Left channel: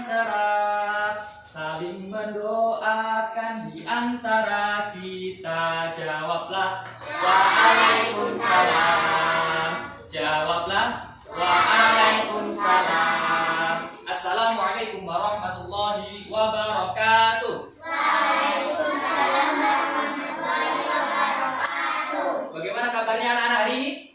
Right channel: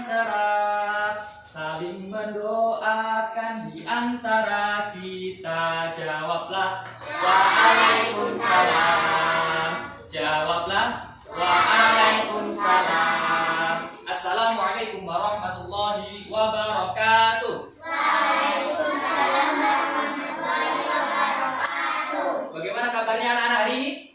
antara, saling mendoakan di antara kita. Jawablah waalaikumsalam. Jawablah waalaikumsalam. Assalamualaikum warahmatullahi wabarakatuh. Waalaikumsalam warahmatullahi wabarakatuh. Bagaimana kabarnya anak-anak hari ini?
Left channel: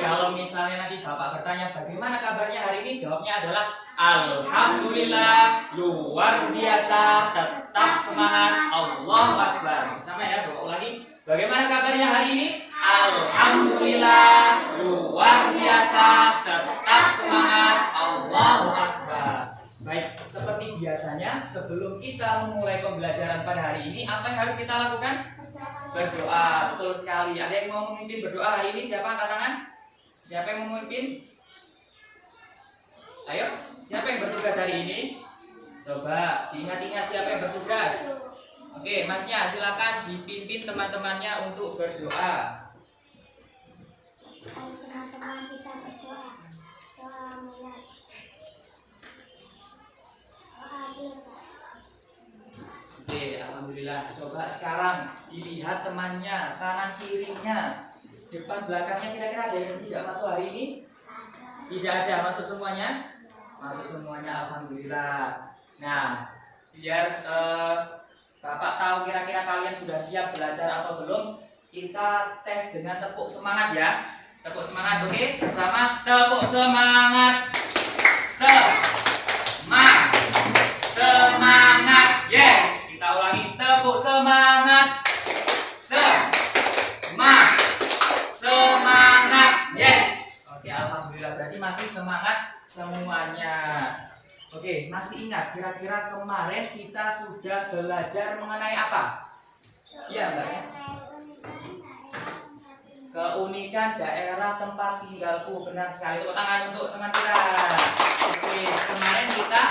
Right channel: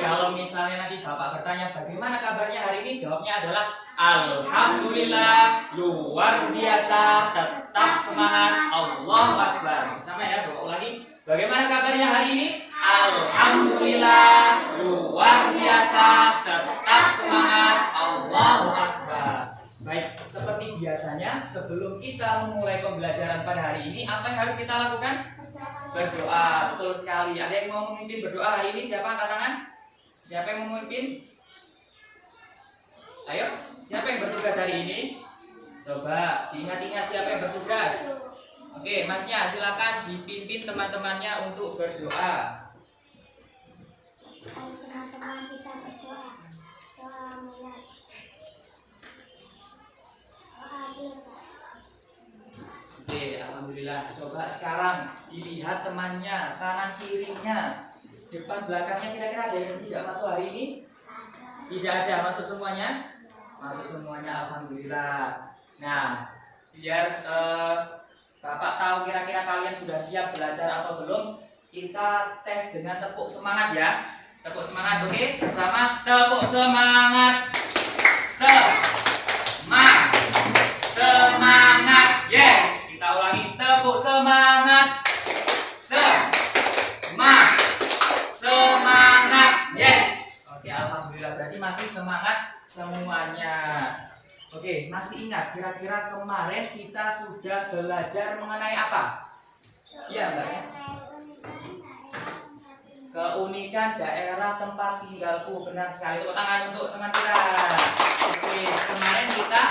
Kalau misalnya nanti Bapak bertanya bagaimana kabarnya hari ini, jawabnya adalah alhamdulillah, luar biasa, tetap semangat, Allahu Akbar. Sama ya, Bapak ulangi. Bagaimana kabarnya hari ini? Alhamdulillah, luar biasa, tetap semangat, Allahu Akbar. Baik, seperti biasanya sebelum kita memulai pembelajaran pada hari ini, apa yang harus kita lakukan? Berdoa. Betul sekali. Ada yang mau memimpin berdoa hari ini? Siapa angkat tangan? Siapa yang mau memimpin? Ayo, siapa yang bertugas hari ini? Coba diingat-ingat siapa yang bertugas. Oke, Masnya silakan dipimpin teman-temannya untuk berdoa. Ayo teman-teman kita berdoa. Doa mulai. Doa selesai. Oke, alhamdulillah. Coba sekarang dilihat temannya, kanan kirinya, depan belakangnya, kira-kira ada yang tidak masuk hari ini? Tidak ada, masuk semuanya? Masuk semuanya, alhamdulillah. Nah, biar Bapak tahu kira-kira kalian sudah siap belajar atau belum, kita tes dengan tepuk semangat ya. Tepuk semangat, oke? Bersama tepuk semangat. Semangat, yes. Kita ulangi, tepuk semangat. Semangat, yes. Oke, alhamdulillah, berarti masih semangat semuanya. Oke, masih ingat kira-kira kemarin kita sudah belajar mengenai apa? Iya, Mbak. Keunikan daerah tempat tinggalku. Benar sekali. Tepuk tangan untuk teman kita. Oke, kemarin kita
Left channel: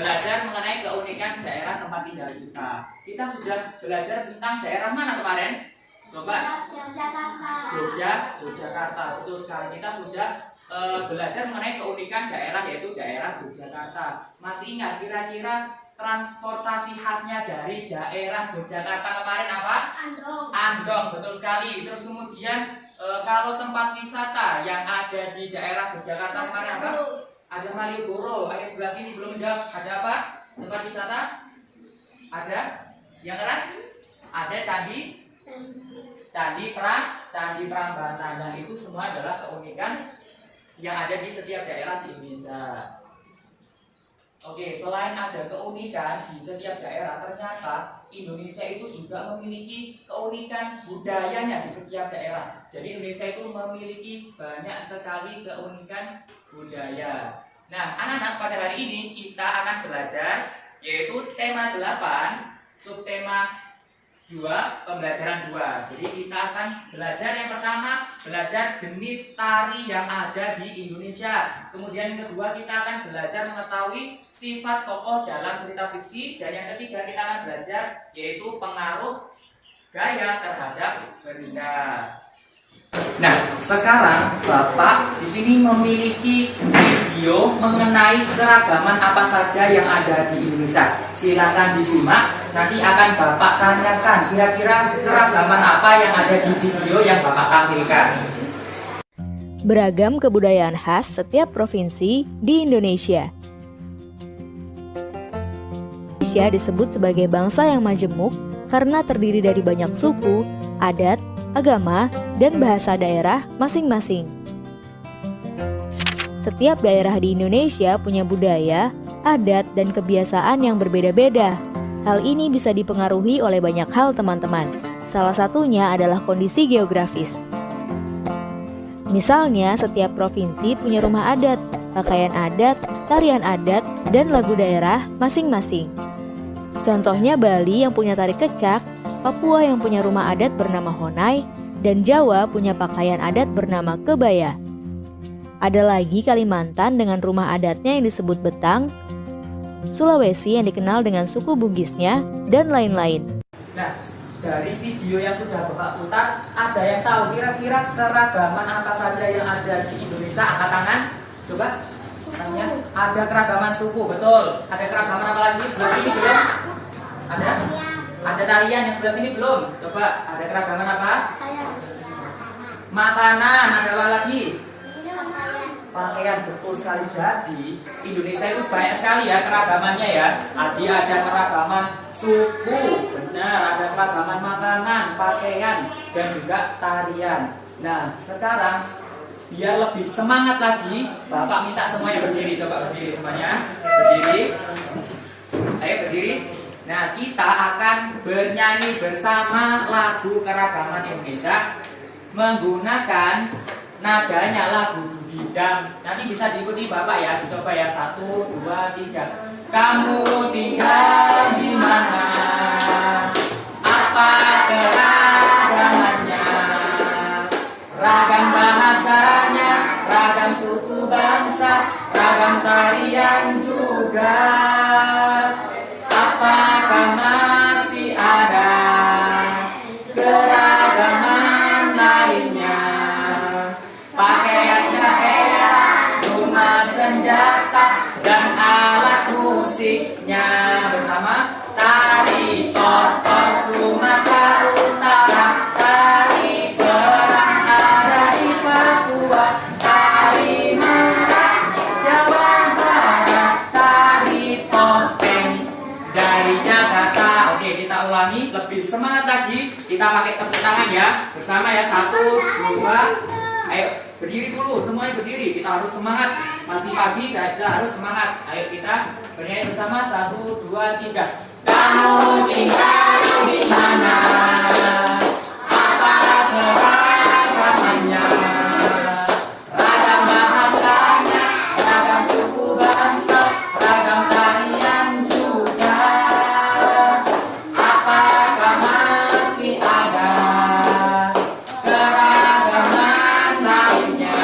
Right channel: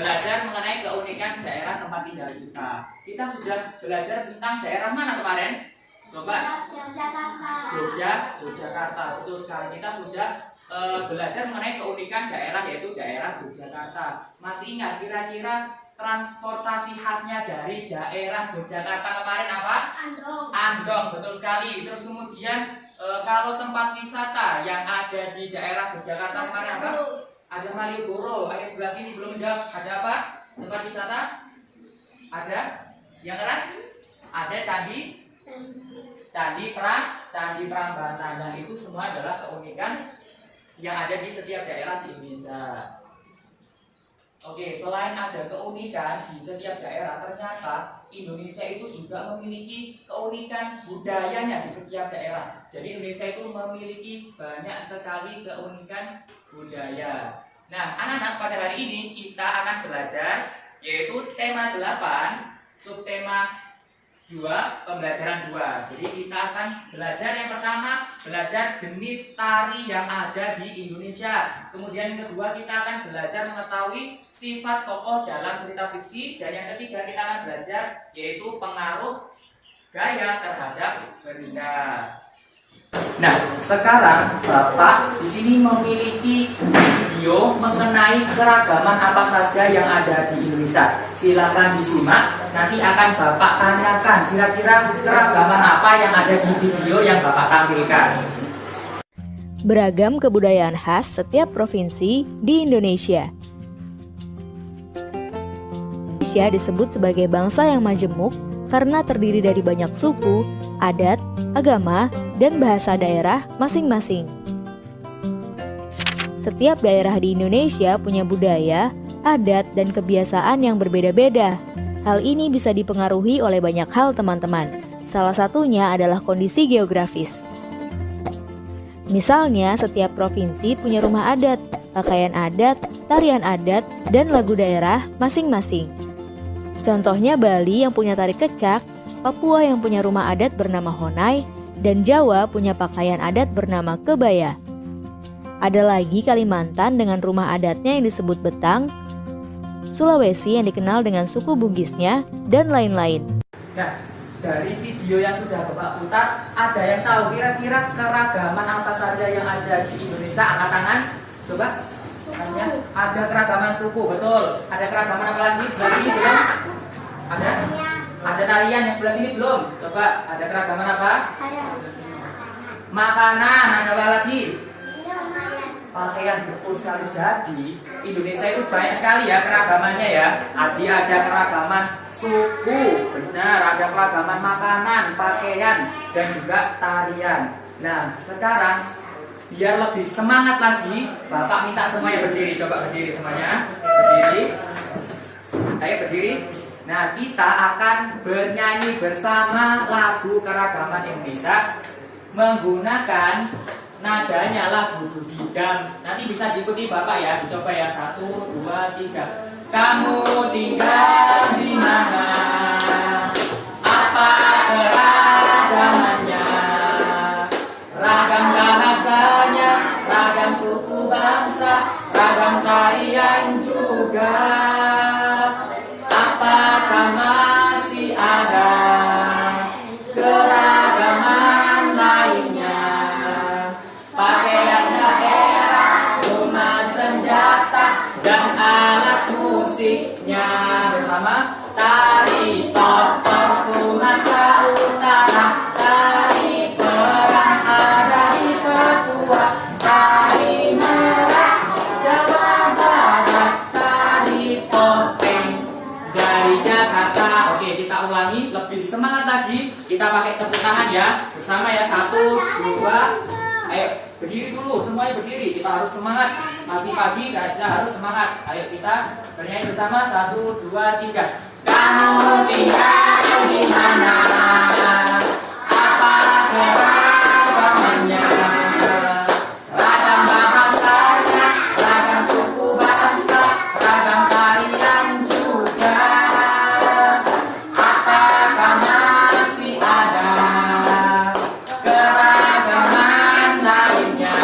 belajar mengenai keunikan daerah tempat tinggal kita. Kita sudah belajar tentang daerah mana kemarin? Coba. Yogyakarta. Betul sekali. Kita sudah belajar mengenai keunikan daerah, yaitu daerah Yogyakarta. Masih ingat kira-kira transportasi khasnya dari daerah Yogyakarta kemarin apa? Andong, betul sekali. Terus kemudian kalau tempat wisata yang ada di daerah Yogyakarta kemarin apa? Ada Malioboro. Ayo sebelah sini belum menjawab. Ada apa? Tempat wisata? Ada? Yang keras? Ada Candi Prambanan. Nah, itu semua adalah keunikan yang ada di setiap daerah di Indonesia. Oke, selain ada keunikan di setiap daerah, ternyata Indonesia itu juga memiliki keunikan budayanya di setiap daerah. Jadi Indonesia itu memiliki banyak sekali keunikan budaya. Nah, anak-anak, pada hari ini kita akan belajar yaitu tema 8, subtema 2, pembelajaran 2. Jadi kita akan belajar yang pertama, belajar jenis tari yang ada di Indonesia. Kemudian yang kedua, kita akan belajar mengetahui sifat tokoh dalam cerita fiksi. Dan yang ketiga, kita akan belajar yaitu pengaruh gaya terhadap benda. Nah, sekarang Bapak di sini memiliki video mengenai keragaman apa saja yang ada di Indonesia. Silakan disimak. Nanti akan Bapak tanyakan kira-kira keragaman apa yang ada di video yang Bapak tampilkan. Beragam kebudayaan khas setiap provinsi di Indonesia. Indonesia disebut sebagai bangsa yang majemuk karena terdiri dari banyak suku, adat, agama, dan bahasa daerah masing-masing. Setiap daerah di Indonesia punya budaya, adat, dan kebiasaan yang berbeda-beda. Hal ini bisa dipengaruhi oleh banyak hal, teman-teman. Salah satunya adalah kondisi geografis. Misalnya, setiap provinsi punya rumah adat, pakaian adat, tarian adat, dan lagu daerah masing-masing. Contohnya Bali yang punya tari kecak, Papua yang punya rumah adat bernama Honai, dan Jawa punya pakaian adat bernama kebaya. Ada lagi Kalimantan dengan rumah adatnya yang disebut betang, Sulawesi yang dikenal dengan suku Bugisnya, dan lain-lain. Nah, dari video yang sudah Bapak putar, ada yang tahu kira-kira keragaman apa saja yang ada di Indonesia? Angkat tangan, coba. Masnya ada keragaman suku, betul. Ada keragaman apa lagi? Sebelah sini belum? Ada? Ada tarian yang sebelah sini belum? Coba, ada keragaman apa? Makanan, ada apa lagi? Pakaian, betul sekali. Jadi Indonesia itu banyak sekali ya keragamannya ya. Ada keragaman suku, benar. Ada keragaman makanan, pakaian, dan juga tarian. Nah, sekarang biar lebih semangat lagi, Bapak minta semuanya berdiri. Coba berdiri semuanya. Berdiri. Ayo berdiri. Nah, kita akan bernyanyi bersama lagu keragaman Indonesia menggunakan nadanya lagu Budidam. Nanti bisa diikuti Bapak ya. Dicoba ya. 1, 2, 3. Kamu tinggal di mana? Apa keragamannya? Ragam bahasanya, ragam suku bangsa, ragam tarian juga. Apakah masih ada keragaman lainnya? Pakaian daerah, rumah senjata, dan alat musiknya. Bersama tari tortor Sumatera Utara, tari perang ada di Papua, tari merak Jawa Barat, tari topeng dari Jakarta. Oke, kita ulangi lebih semangat lagi. Kita pakai tepuk tangan ya. Bersama ya. 1, 2. Ayo berdiri dulu, semuanya berdiri. Kita harus semangat. Masih pagi, kita harus semangat. Ayo kita bernyanyi bersama. 1, 2, 3. Kamu tinggal di mana? Apa keragamannya? Ragam bahasanya, ragam suku bangsa, ragam tarian juga. Apakah masih ada keragaman lainnya?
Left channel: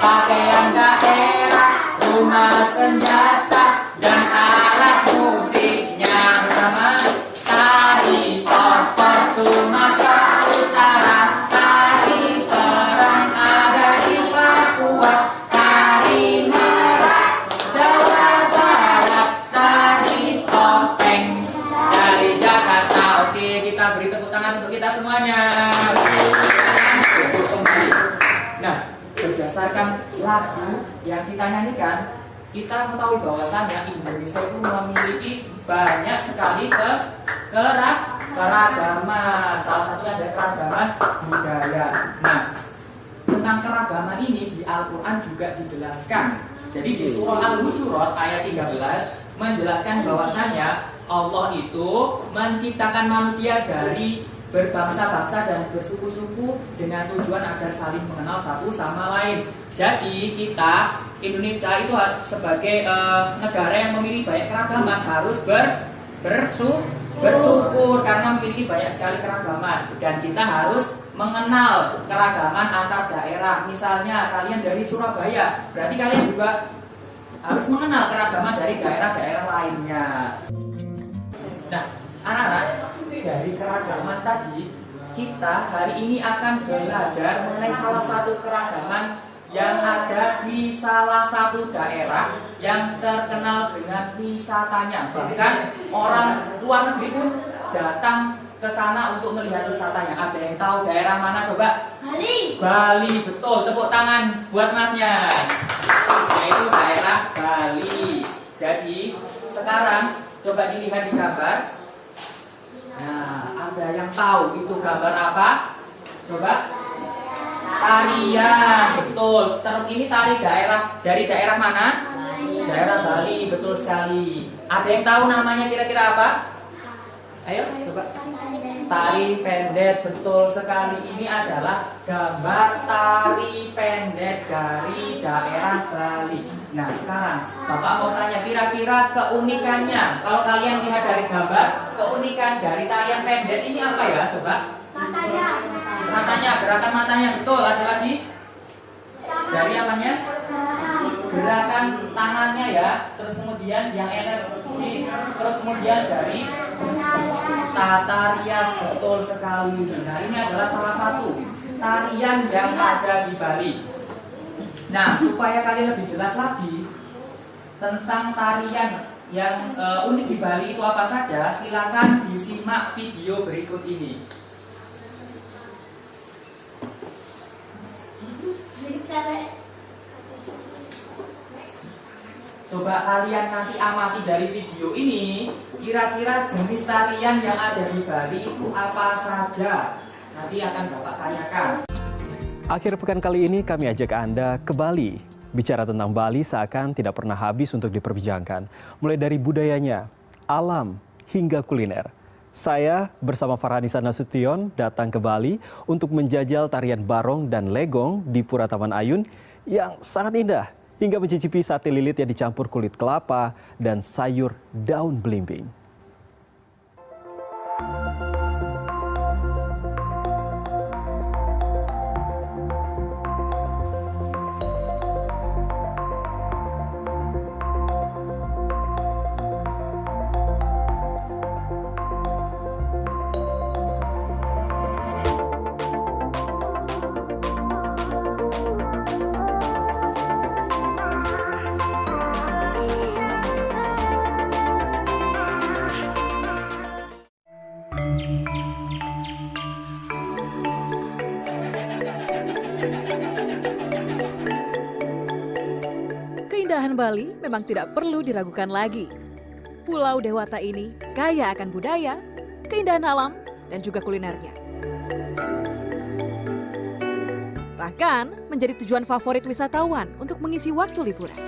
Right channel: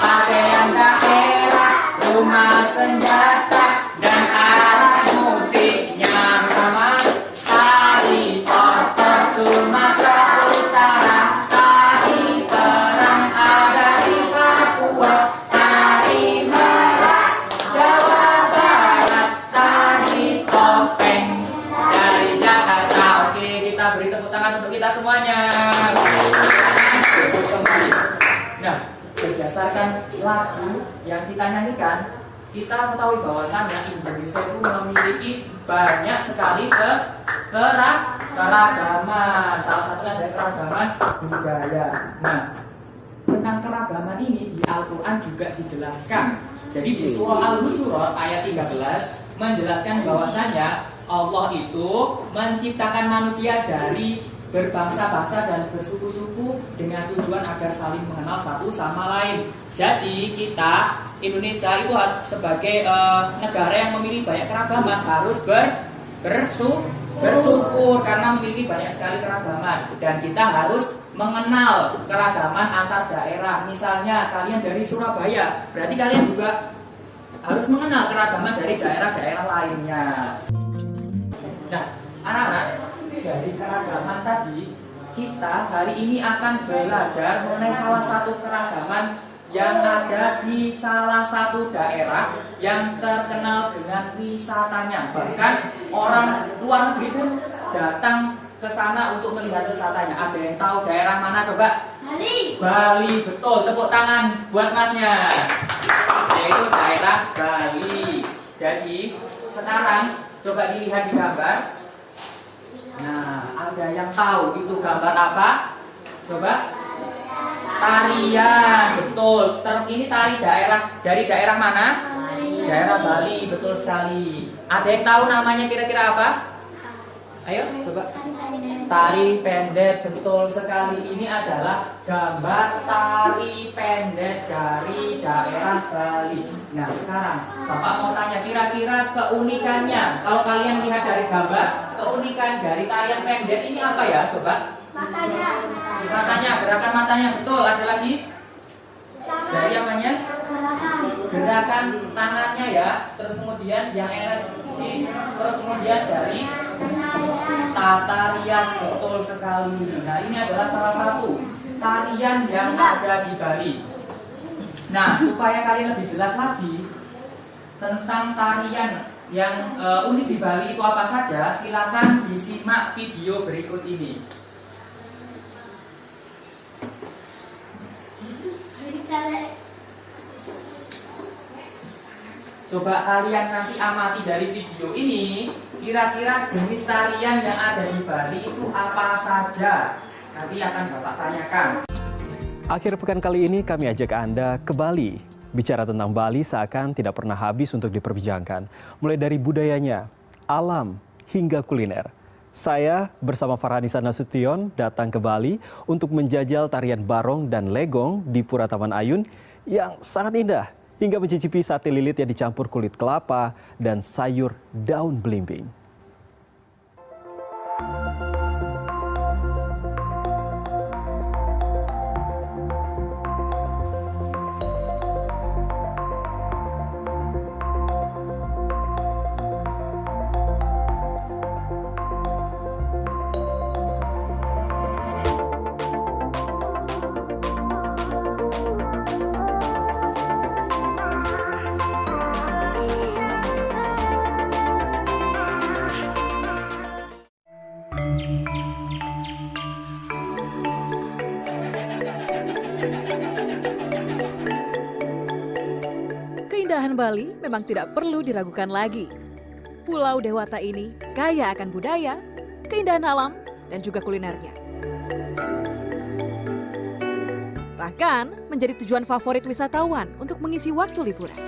Pakaian daerah, rumah senjata, dan alat musiknya. Bersama tari tortor Sumatera Utara, tari perang ada di Papua, tari merak Jawa Barat, tari topeng dari Jakarta. Oke, kita beri tepuk tangan untuk kita semuanya. Kembali. Nah, berdasarkan lagu yang kita nyanyikan, kita mengetahui bahwasannya Indonesia itu memiliki banyak sekali keragaman. Salah satunya ada keragaman budaya. Nah, tentang keragaman ini di Al-Quran juga dijelaskan. Jadi di surah Al-Hujurat ayat 13 menjelaskan bahwasanya Allah itu menciptakan manusia dari berbangsa-bangsa dan bersuku-suku dengan tujuan agar saling mengenal satu sama lain. Jadi kita Indonesia itu sebagai negara yang memiliki banyak keragaman harus bersyukur karena memiliki banyak sekali keragaman, dan kita harus mengenal keragaman antar daerah. Misalnya kalian dari Surabaya, berarti kalian juga harus mengenal keragaman dari daerah-daerah lainnya. Nah, anak-anak, dari keragaman tadi kita hari ini akan belajar mengenai salah satu keragaman yang ada di salah satu daerah yang terkenal dengan wisatanya. Bahkan orang luar negeri pun datang ke sana untuk melihat wisatanya. Ada yang tahu daerah mana? Coba. Bali, betul. Tepuk tangan buat masnya. Yaitu daerah Bali. Jadi sekarang coba dilihat di gambar. Nah, ada yang tahu itu gambar apa? Coba. Tarian, betul. Ini tari dari daerah mana? Daerah Bali, betul sekali. Ada yang tahu namanya kira-kira apa? Ayo, coba. Tari pendek, betul sekali. Ini adalah gambar tari pendek dari daerah Bali. Nah, sekarang Bapak mau tanya kira-kira keunikannya. Kalau kalian lihat dari gambar, keunikan dari tarian pendek ini apa ya? Coba. Matanya, gerakan matanya, betul. Ada lagi? Dari apanya? Gerakan tangannya ya. Terus kemudian yang energi. Terus kemudian dari tata rias, betul sekali. Nah, ini adalah salah satu tarian yang ada di Bali. Nah, supaya kalian lebih jelas lagi tentang tarian yang unik di Bali itu apa saja, silakan disimak video berikut ini. Coba kalian nanti amati dari video ini, kira-kira jenis tarian yang ada di Bali itu apa saja. Nanti akan Bapak tanyakan. Akhir pekan kali ini kami ajak Anda ke Bali. Bicara tentang Bali seakan tidak pernah habis untuk diperbincangkan. Mulai dari budayanya, alam, hingga kuliner. Saya bersama Farhanisa Nasution datang ke Bali untuk menjajal tarian barong dan legong di Pura Taman Ayun yang sangat indah. Hingga mencicipi sate lilit yang dicampur kulit kelapa dan sayur daun belimbing. Keindahan Bali memang tidak perlu diragukan lagi. Pulau Dewata ini kaya akan budaya, keindahan alam, dan juga kulinernya. Bahkan menjadi tujuan favorit wisatawan untuk mengisi waktu liburan.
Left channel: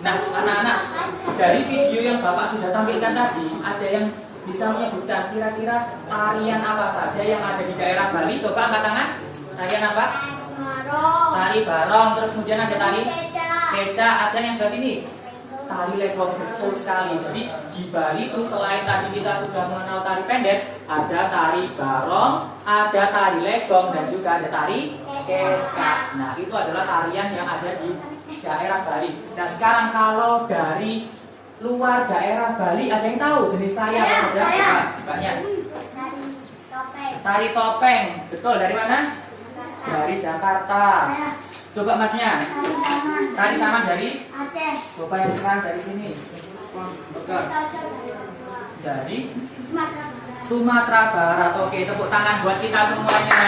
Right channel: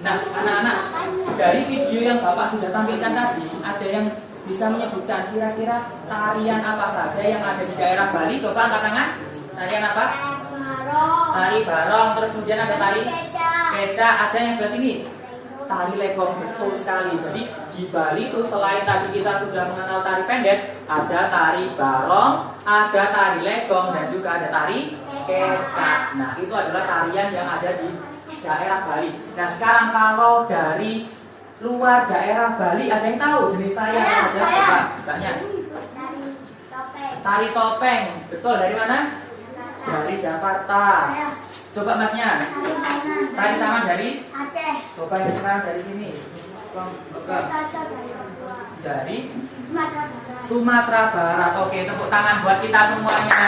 Nah, anak-anak, dari video yang Bapak sudah tampilkan tadi, ada yang bisa menyebutkan kira-kira tarian apa saja yang ada di daerah Bali? Coba angkat tangan. Tarian apa? Tari barong, terus kemudian ada tari keca, ada yang sebelah sini tari legong, betul sekali. Jadi di Bali itu selain tadi kita sudah mengenal tari pendek, ada tari barong, ada tari legong, dan juga ada tari keca. Nah, itu adalah tarian yang ada di daerah Bali. Nah, sekarang kalau dari luar daerah Bali, ada yang tahu jenis tari apa saja? Coba, banyak. Tari topeng, betul. Dari mana? Dari Jakarta. Coba masnya. Tari sana dari Aceh. Coba yang sekarang dari sini. Coba. Dari Sumatera Barat. Oke, tepuk tangan buat kita semuanya.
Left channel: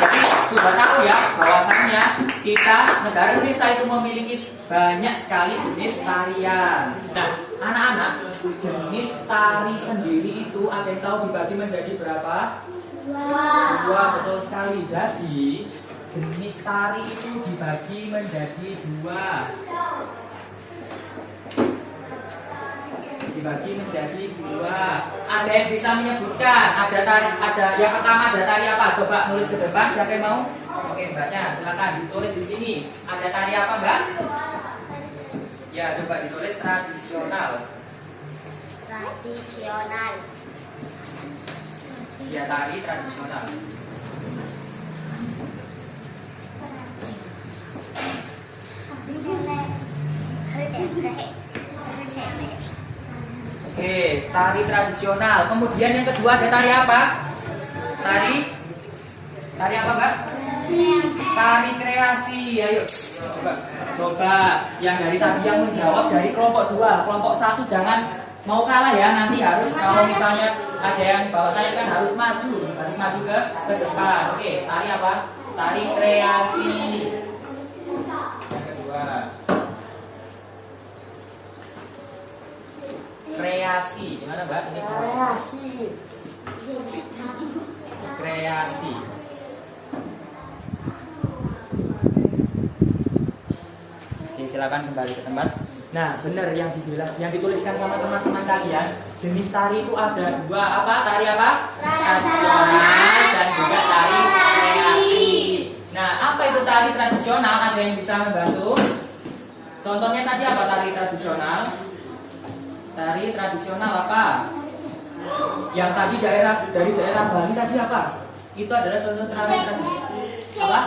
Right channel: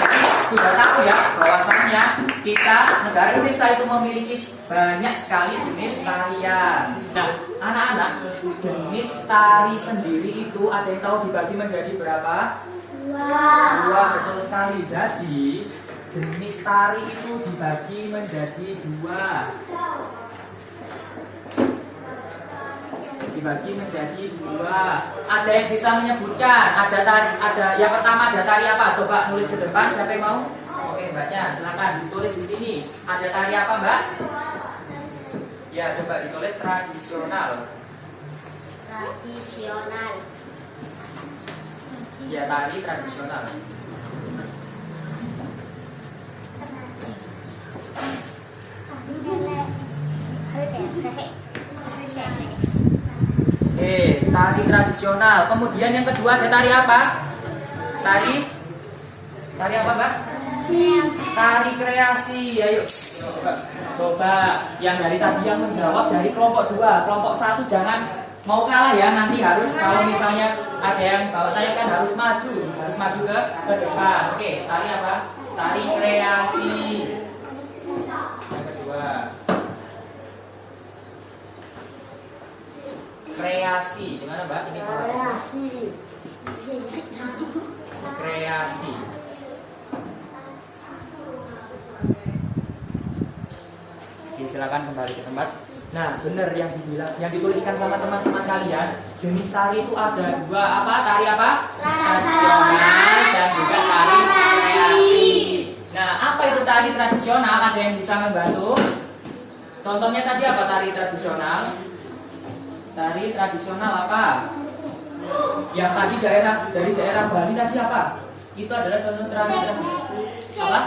Jadi sudah tahu ya bahwasannya kita negara Indonesia itu memiliki banyak sekali jenis tarian. Nah, anak-anak, jenis tari sendiri itu ada yang tahu dibagi menjadi berapa? Dua, betul sekali. Jadi jenis tari itu dibagi menjadi dua. Dibagi menjadi dua. Ada yang bisa menyebutkan? Ada tari, ada yang pertama ada tari apa? Coba nulis ke depan. Siapa yang mau? Oke, mbaknya, silakan ditulis di sini. Ada tari apa, mbak? Ya, coba ditulis tradisional. Tradisional. Ya, tari tradisional. Oke, tari tradisional. Kemudian yang kedua ada tari apa? Tari apa, mbak? Tari kreasi. Ayo, coba yang dari tadi yang menjawab dari kelompok 2. Kelompok 1 jangan mau kalah ya, nanti harus kalau misalnya ada yang bawa tari kan harus maju ke depan. Oke, tari apa? Tari kreasi. Yang kedua, kreasi. Gimana, mbak? Ini kreasi. Oke, silakan kembali ke tempat. Nah, benar yang dibilang, yang dituliskan sama teman-teman kalian, jenis tari itu ada dua. Apa? Tari apa? Tradisional dan juga tari kreasi. Nah, apa itu tari tradisional? Ada yang bisa membantu? Contohnya tadi apa tari tradisional? Tari tradisional apa? Yang tadi dari daerah Bali tadi apa? Itu adalah contoh tari tradisional. Apa?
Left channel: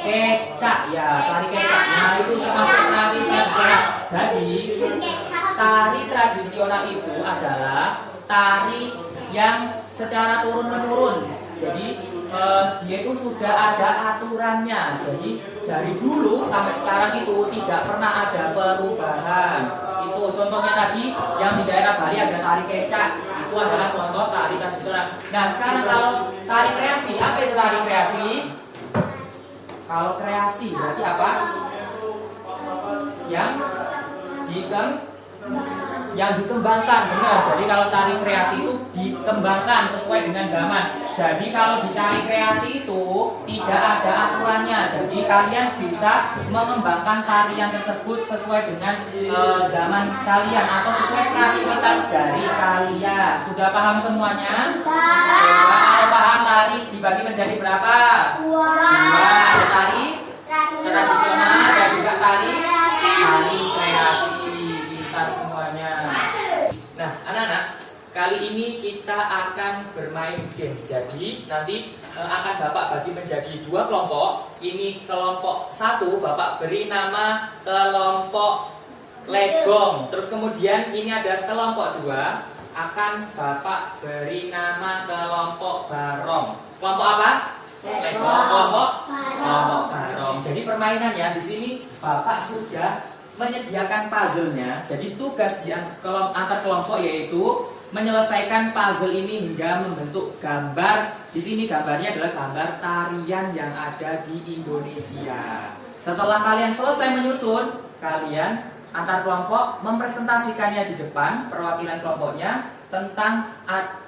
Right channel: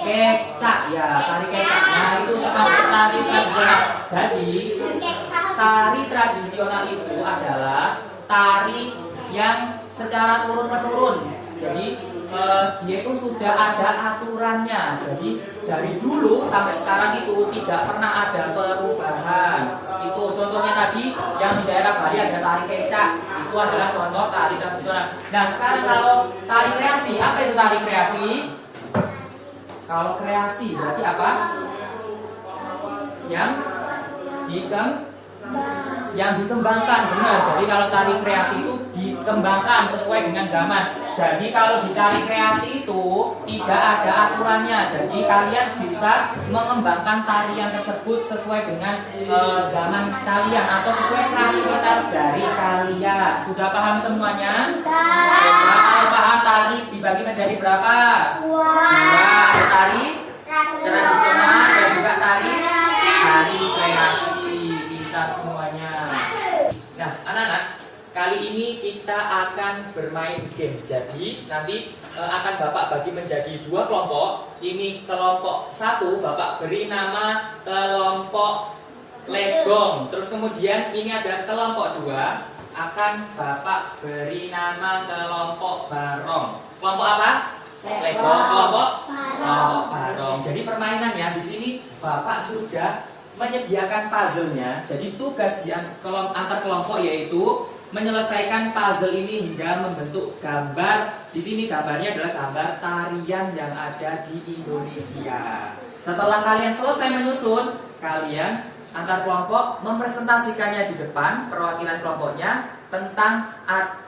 Kecak, ya, tari kecak. Nah, itu termasuk tari tradisional. Jadi, tari tradisional itu adalah tari yang secara turun-menurun. Jadi, dia itu sudah ada aturannya. Jadi dari dulu sampai sekarang itu tidak pernah ada perubahan. Itu contohnya tadi yang di daerah Bali ada tari kecak, itu adalah contoh tari tradisional. Nah sekarang kalau tari kreasi, apa itu tari kreasi? Kalau kreasi berarti apa? Yang dikembangkan, benar. Jadi kalau tari kreasi itu dikembangkan sesuai dengan zaman. Jadi kalau di tari kreasi itu tidak ada aturannya. Jadi kalian bisa mengembangkan tarian tersebut sesuai dengan zaman kalian atau sesuai kreativitas dari kalian. Sudah paham semuanya? Kalau paham, tari dibagi menjadi berapa? Dua. Ada tari tradisional dan juga tari kreasi. Pintar semuanya. Nah, anak-anak, kali ini kita akan bermain games. Jadi nanti akan Bapak bagi menjadi dua kelompok. Ini kelompok satu Bapak beri nama kelompok legong. Terus kemudian ini ada kelompok dua akan Bapak beri nama kelompok barong. Kelompok apa? Legong. Kelompok barong. Jadi permainan ya di sini Bapak sudah menyediakan puzzle-nya. Jadi tugas di antar kelompok yaitu menyelesaikan puzzle ini hingga membentuk gambar. Di sini gambarnya adalah gambar tarian yang ada di Indonesia. Setelah kalian selesai menyusun, kalian antar kelompok mempresentasikannya di depan perwakilan kelompoknya tentang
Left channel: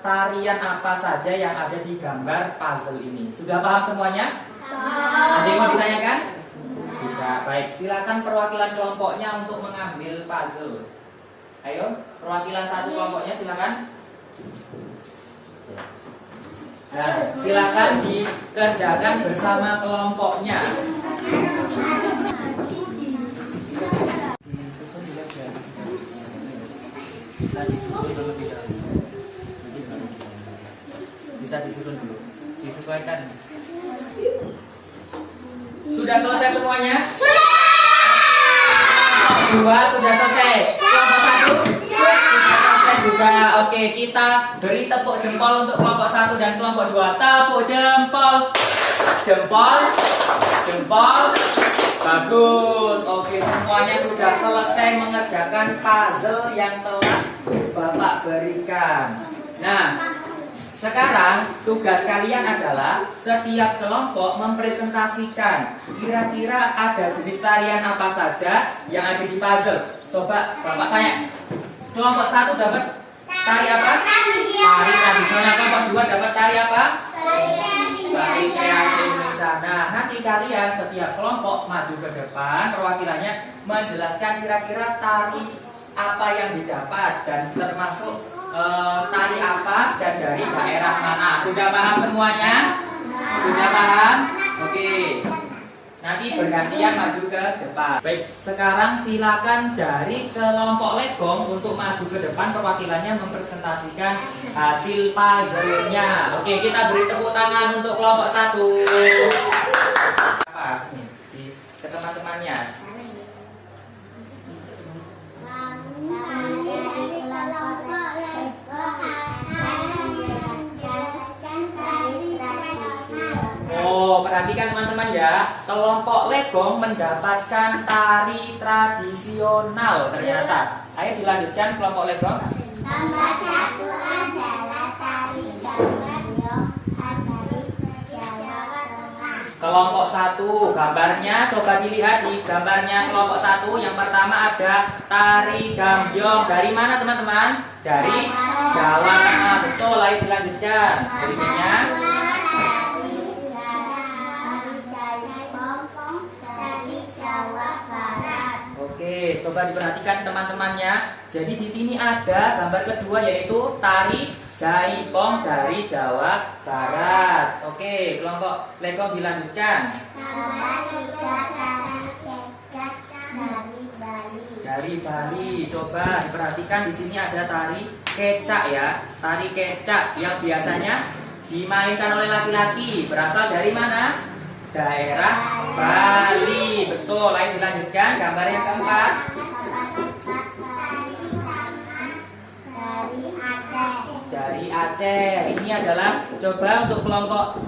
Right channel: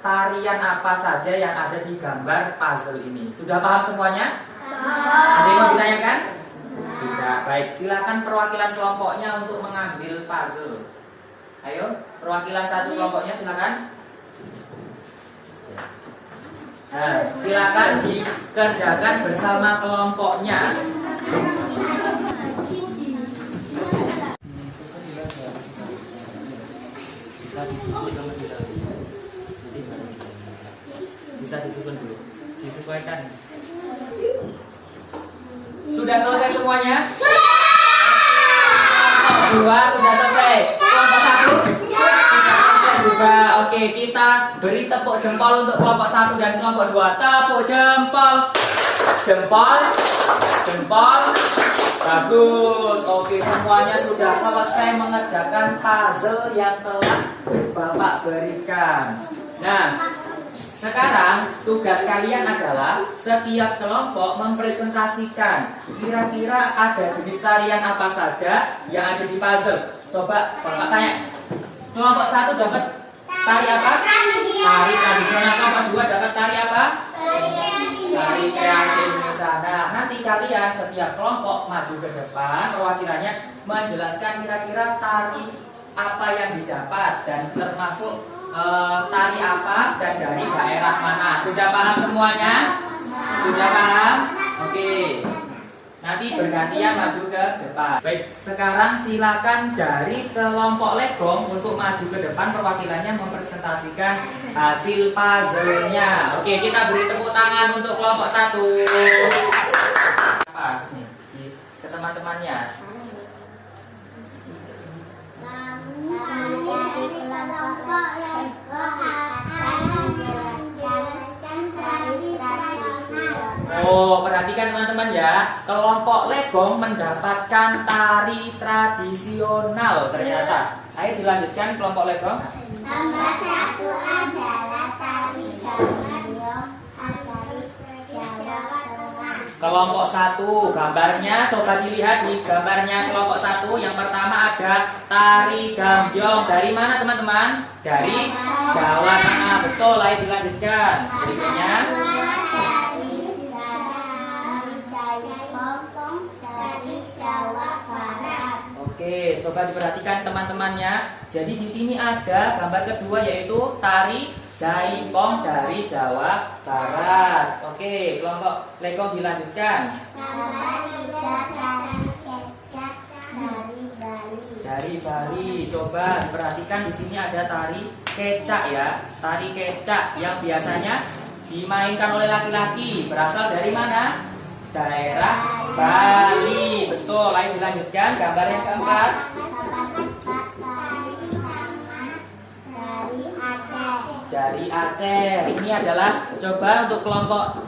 tarian apa saja yang ada di gambar puzzle ini. Sudah paham semuanya? Ada yang mau ditanyakan? Tidak. Baik, silakan perwakilan kelompoknya untuk mengambil puzzle. Ayo, perwakilan satu kelompoknya silakan. Nah, silakan dikerjakan bersama kelompoknya. Bisa disusun kalau tidak. Bisa disusun dulu. Disesuaikan. Sudah selesai semuanya? Sudah. Dua sudah selesai. Kelompok satu sudah selesai juga. Oke, kita beri tepuk jempol untuk kelompok satu dan kelompok dua. Tepuk jempol, jempol, jempol. Bagus. Oke, semuanya sudah selesai mengerjakan puzzle yang telah Bapak berikan. Nah, sekarang tugas kalian adalah setiap kelompok mempresentasikan kira-kira ada jenis tarian apa saja yang ada di puzzle. Coba Bapak tanya, kelompok satu dapat tari apa? Tari tradisional. Kelompok dua dapat tari apa? Tari kreasi Indonesia. Nah, nanti kalian setiap kelompok maju ke depan, perwakilannya menjelaskan kira-kira tari apa yang didapat dan termasuk tari apa dan dari daerah mana. Sudah paham semuanya? Sudah paham? Oke. Nanti bergantian maju ke depan. Baik, sekarang silakan dari kelompok legong untuk maju ke depan, perwakilannya mempresentasikan hasil puzzle-nya. Oke, kita beri tepuk tangan untuk kelompok satu. Apa nih? Ke teman-temannya. Oh, perhatikan teman-teman ya. Kelompok legong mendapatkan tari tradisional ternyata. Ayo dilanjutkan kelompok legong. Nomor satu adalah tari gambyong dari Jawa Tengah. Kelompok satu, gambarnya coba dilihat di gambarnya kelompok satu. Yang pertama ada tari gambyong. Dari mana teman-teman? Dari Jawa Tengah. Betul, ayo dilanjutkan. Berikutnya Oke, coba diperhatikan teman-temannya. Jadi di sini ada gambar kedua yaitu tari jaipong dari Jawa Barat. Oke, kelompok legong dilanjutkan. Nomor tiga tari kecak dari Bali. Dari Bali, coba diperhatikan di sini ada tari kecak ya. Tari kecak yang biasanya dimainkan oleh laki-laki. Berasal dari mana? Daerah Bali. Betul, ayo dilanjutkan gambar yang keempat. Dari Aceh. Ini adalah coba untuk kelompok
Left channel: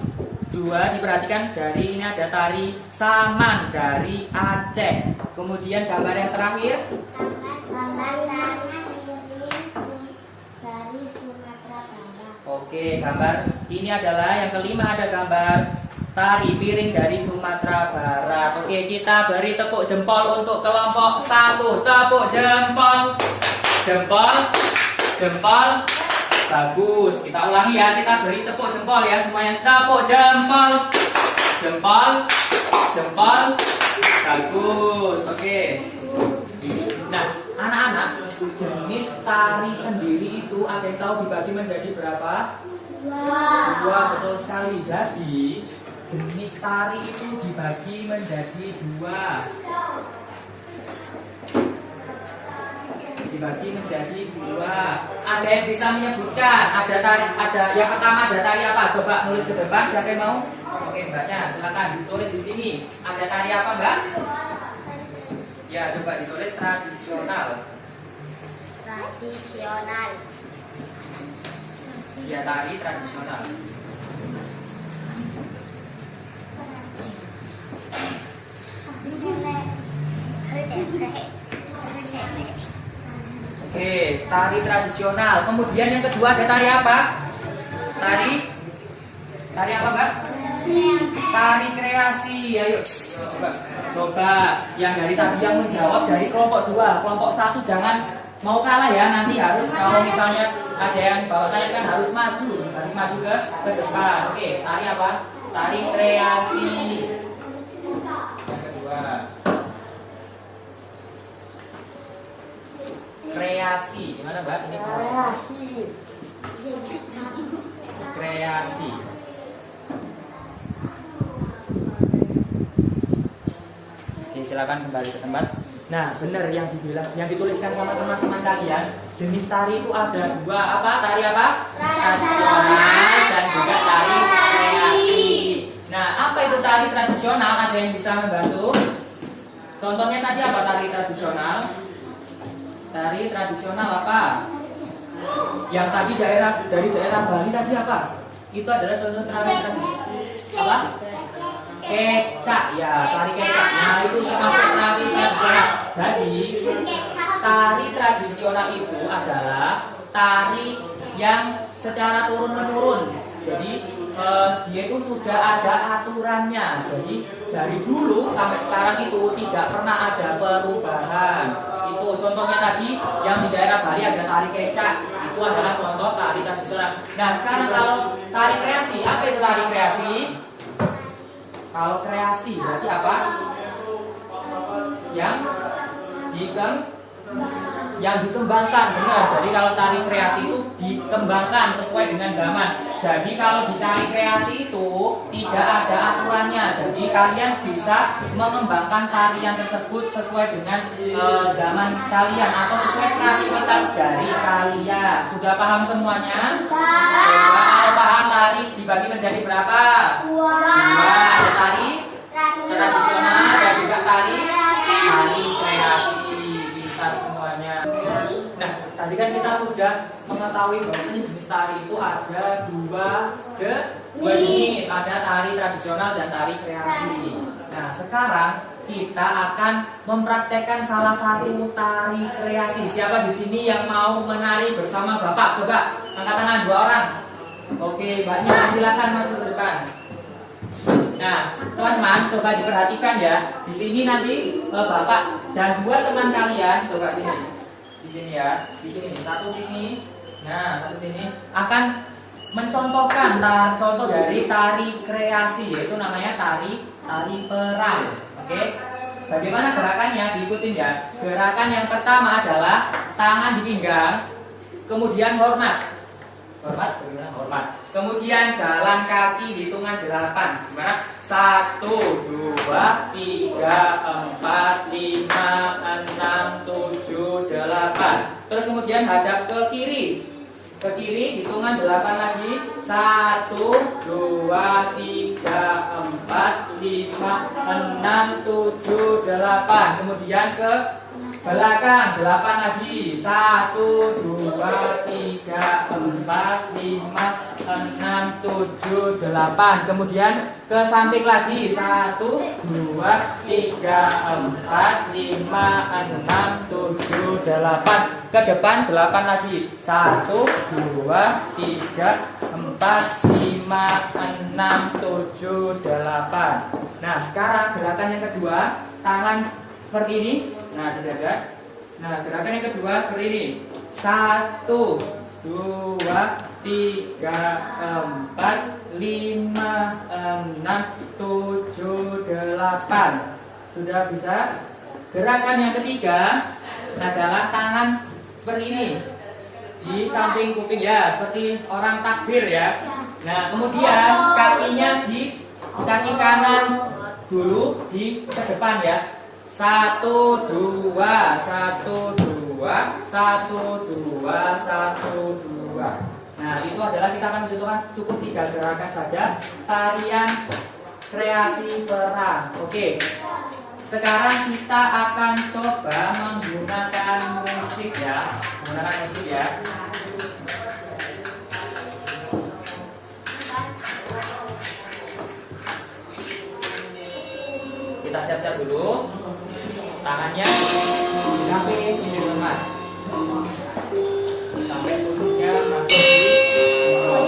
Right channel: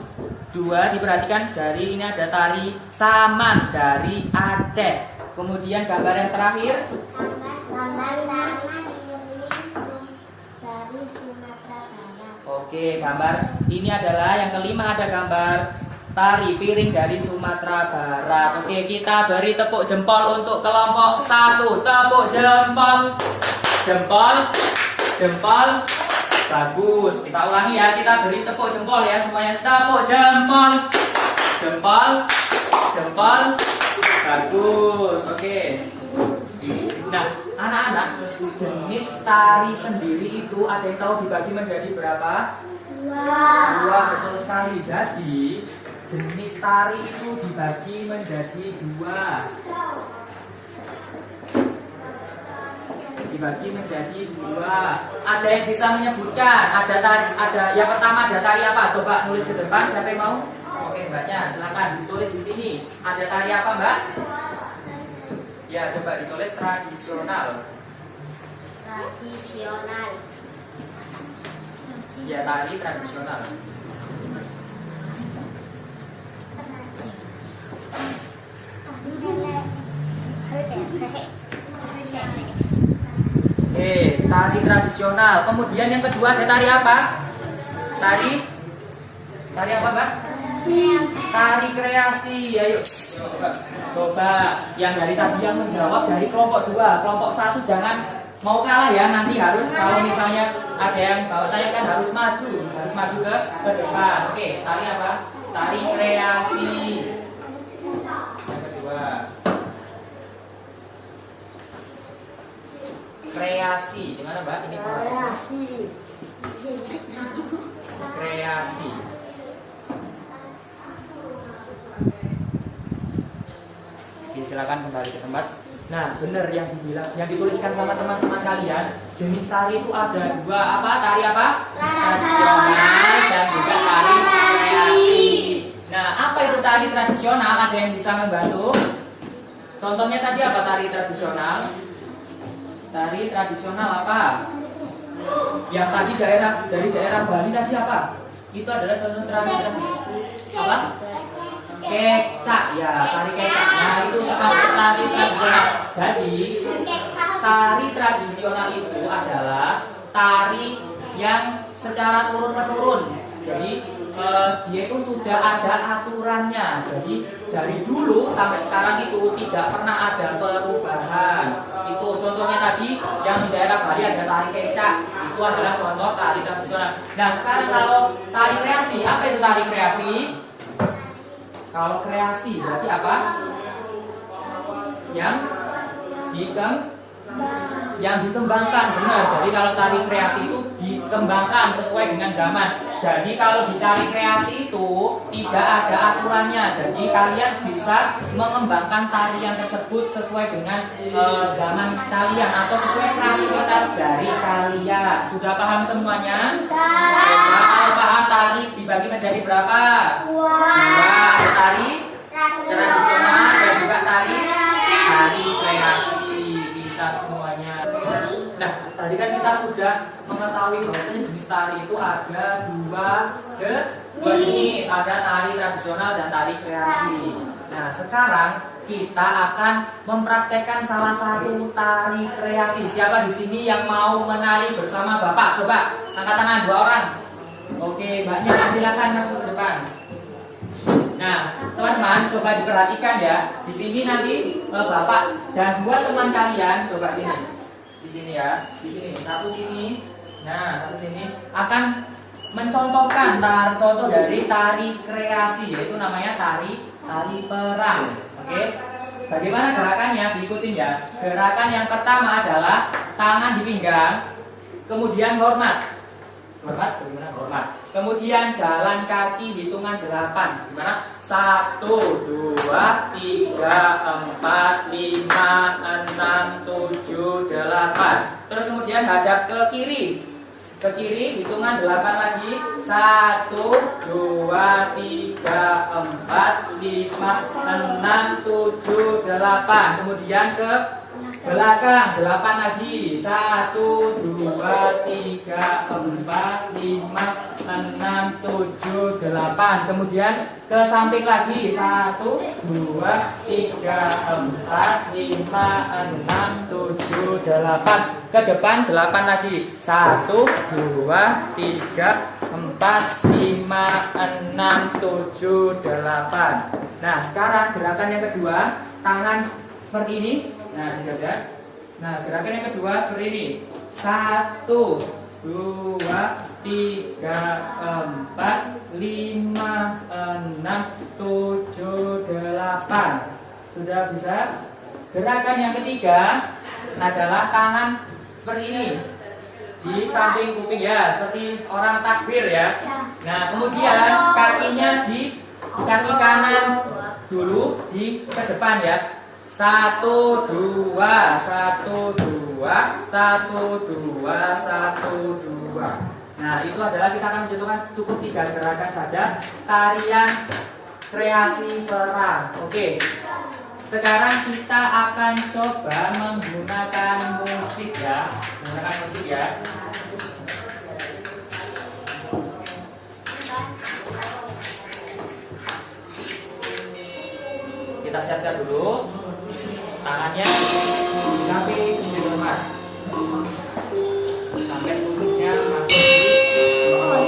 Dua, diperhatikan dari ini ada tari Saman dari Aceh. Kemudian gambar yang terakhir, Gambar tari dari Sumatera Barat. oke, gambar ini adalah yang kelima, ada gambar tari piring dari Sumatera Barat. Oke, kita beri tepuk jempol untuk kelompok 1. Tepuk jempol. Jempol. Jempol. Bagus. Kita ulangi ya, kita beri tepuk jempol ya semuanya. Tepuk jempol. Jempol. Jempol. Bagus. Oke. Nah, anak-anak, jenis tari sendiri itu ada yang tahu dibagi menjadi berapa? Dua, betul sekali. Jadi jenis tari itu dibagi menjadi dua. Dibagi menjadi dua. Ada yang bisa menyebutkan? Ada tari, ada yang pertama ada tari apa? Coba nulis ke depan. Siapa yang mau? Oke, mbaknya, silakan ditulis di sini. Ada tari apa, mbak? Ya, coba ditulis tradisional. Tradisional. Ya, tari tradisional. Oke, tari tradisional. Kemudian yang kedua ada tari apa? Tari apa, mbak? Tari kreasi. Ayo, coba yang dari tadi yang menjawab dari kelompok 2. Kelompok 1 jangan mau kalah ya. Nanti harus, kalau misalnya ada yang bawa tanya kan harus maju ke depan. Oke, tari apa? Tari kreasi. Yang kedua, kreasi. Gimana, mbak? Ini kreasi. Kreasi. Oke, silakan kembali ke tempat. Nah, benar yang dibilang, yang dituliskan sama teman-teman kalian, jenis tari itu ada dua. Apa? Tari apa? Tradisional dan juga tari kreasi. Nah, apa itu tari tradisional? Ada yang bisa membantu? Contohnya tadi apa tari tradisional? Tari tradisional apa? Yang tadi dari daerah Bali tadi apa? Itu adalah contoh tari apa? Kecak, ya, tari kecak. Nah, itu termasuk tari tradisional. Jadi, tari tradisional itu adalah tari yang secara turun-menurun. Jadi, dia itu sudah ada aturannya. Jadi, dari dulu sampai sekarang itu tidak pernah ada perubahan. Itu contohnya tadi yang di daerah Bali ada tari kecak. Itu adalah contoh tari tradisional. Nah, sekarang kalau tari kreasi, apa itu tari kreasi? Kalau kreasi berarti apa? Yang dikembangkan, benar. Jadi kalau tari kreasi itu dikembangkan sesuai dengan zaman. Jadi kalau di tari kreasi itu tidak ada aturannya. Jadi kalian bisa mengembangkan tarian tersebut sesuai dengan zaman kalian atau sesuai kreativitas dari kalian. Sudah paham semuanya? Kalau paham, tari dibagi menjadi berapa? Dua. Ada tari tradisional dan juga tari kreasi. Kita semuanya. Nah, tadi kan kita sudah mengetahui bahwasanya jenis tari itu ada dua jenis, ada tari tradisional dan tari kreasi. Nah, sekarang kita akan mempraktekkan salah satu tari kreasi. Siapa di sini yang mau menari bersama Bapak? Coba angkat tangan 2 orang. Oke, Mbaknya silakan maju ke depan. Nah, teman-teman, coba diperhatikan ya. Di sini nanti Bapak dan 2 teman kalian, coba sini. Di sini ya, di sini, satu sini. Nah, satu sini akan mencontohkan contoh dari tari kreasi, yaitu namanya tari perang. Oke. Bagaimana gerakannya? Diikutin ya. Gerakan yang pertama adalah tangan di pinggang, kemudian hormat. Hormat, bagaimana hormat? Kemudian jalan kaki hitungan 8. Gimana? 1, 2, 3, 4, 5, 6, 7, 8. Terus kemudian hadap ke kiri. Ke kiri hitungan 8 lagi. 1, 2, 3, 4, 5, 6, 7, 8. Kemudian ke Belakang 8 lagi. 1, 2, 3, 4, 5, 6, 7, 8. Kemudian ke samping lagi. 1, 2, 3, 4, 5, 6, 7, 8. Ke depan 8 lagi. 1, 2, 3, 4, 5, 6, 7, 8. Nah, sekarang gerakan yang kedua, tangan seperti ini. Nah, di dada. Nah, gerakan yang kedua seperti ini. 1, 2, 3, 4, 5, 6, 7, 8. Sudah bisa? Gerakan yang ketiga adalah tangan seperti ini. Di samping kuping ya, seperti orang takbir ya. Nah, kemudian kakinya di kaki kanan dulu di ke depan ya. 1, 2, 1, 2, 1, 2, 1, 2. Nah, itu adalah kita akan mencontohkan cukup 3 gerakan saja tarian kreasi perang. Oke. Sekarang kita akan coba menggunakan musik ya. Menggunakan musik ya. Kita siap-siap dulu. Tangannya di samping di rumah. Sampai musiknya masuk di mulut.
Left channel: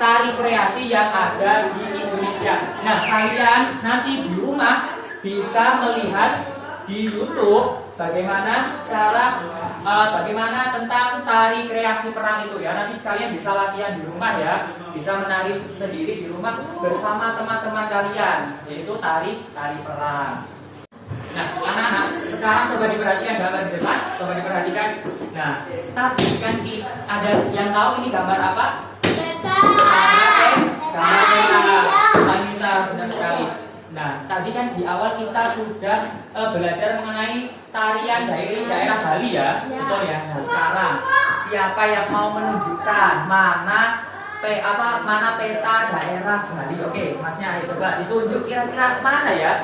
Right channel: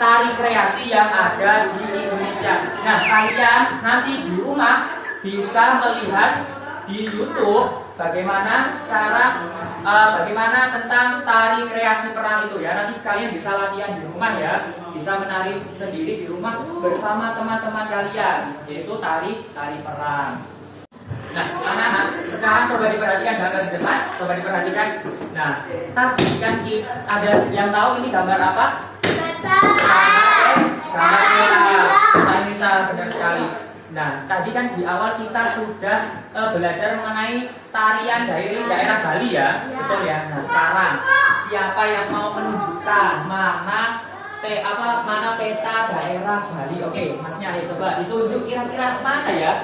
Tari kreasi yang ada di Indonesia. Nah, kalian nanti di rumah bisa melihat di YouTube bagaimana tentang tari kreasi perang itu ya. Nanti kalian bisa latihan di rumah ya, bisa menari sendiri di rumah bersama teman-teman kalian, yaitu tari perang. Nah, anak-anak, sekarang coba diperhatikan gambar depan, coba diperhatikan. Nah, tadi kan ada yang tahu ini gambar apa? Gambar peta. Nah, ini salah, benar sekali. Nah, tadi kan di awal kita sudah belajar mengenai tarian dari daerah Bali ya, betul ya. Nah, sekarang siapa yang mau menunjukkan mana peta daerah Bali? Oke, Masnya ayo coba ditunjuk kira-kira mana ya?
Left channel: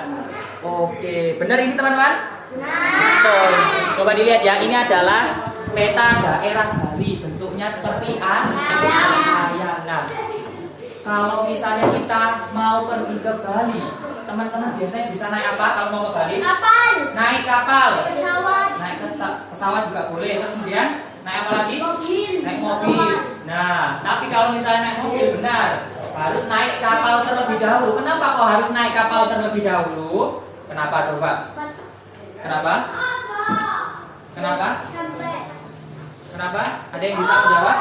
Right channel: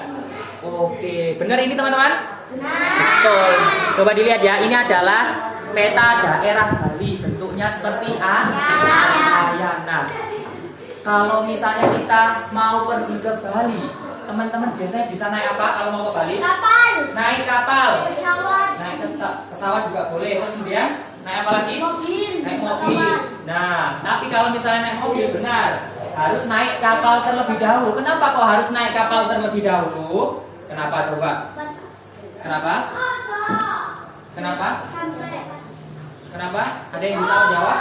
Oke, benar ini teman-teman? Betul. Coba dilihat ya, ini adalah peta daerah Bali, bentuknya seperti ayam. Nah, kalau misalnya kita mau pergi ke Bali, teman-teman biasanya bisa naik apa kalau mau ke Bali? Kapal. Naik kapal. Pesawat. Naik pesawat juga boleh. Terus kemudian naik apa lagi? Mobil. Naik mobil. Nah, tapi kalau misalnya naik mobil benar harus naik kapal terlebih dahulu. Kenapa kok harus naik kapal terlebih dahulu? Kenapa coba? Kenapa? Kenapa? Kenapa? Ada yang bisa menjawab?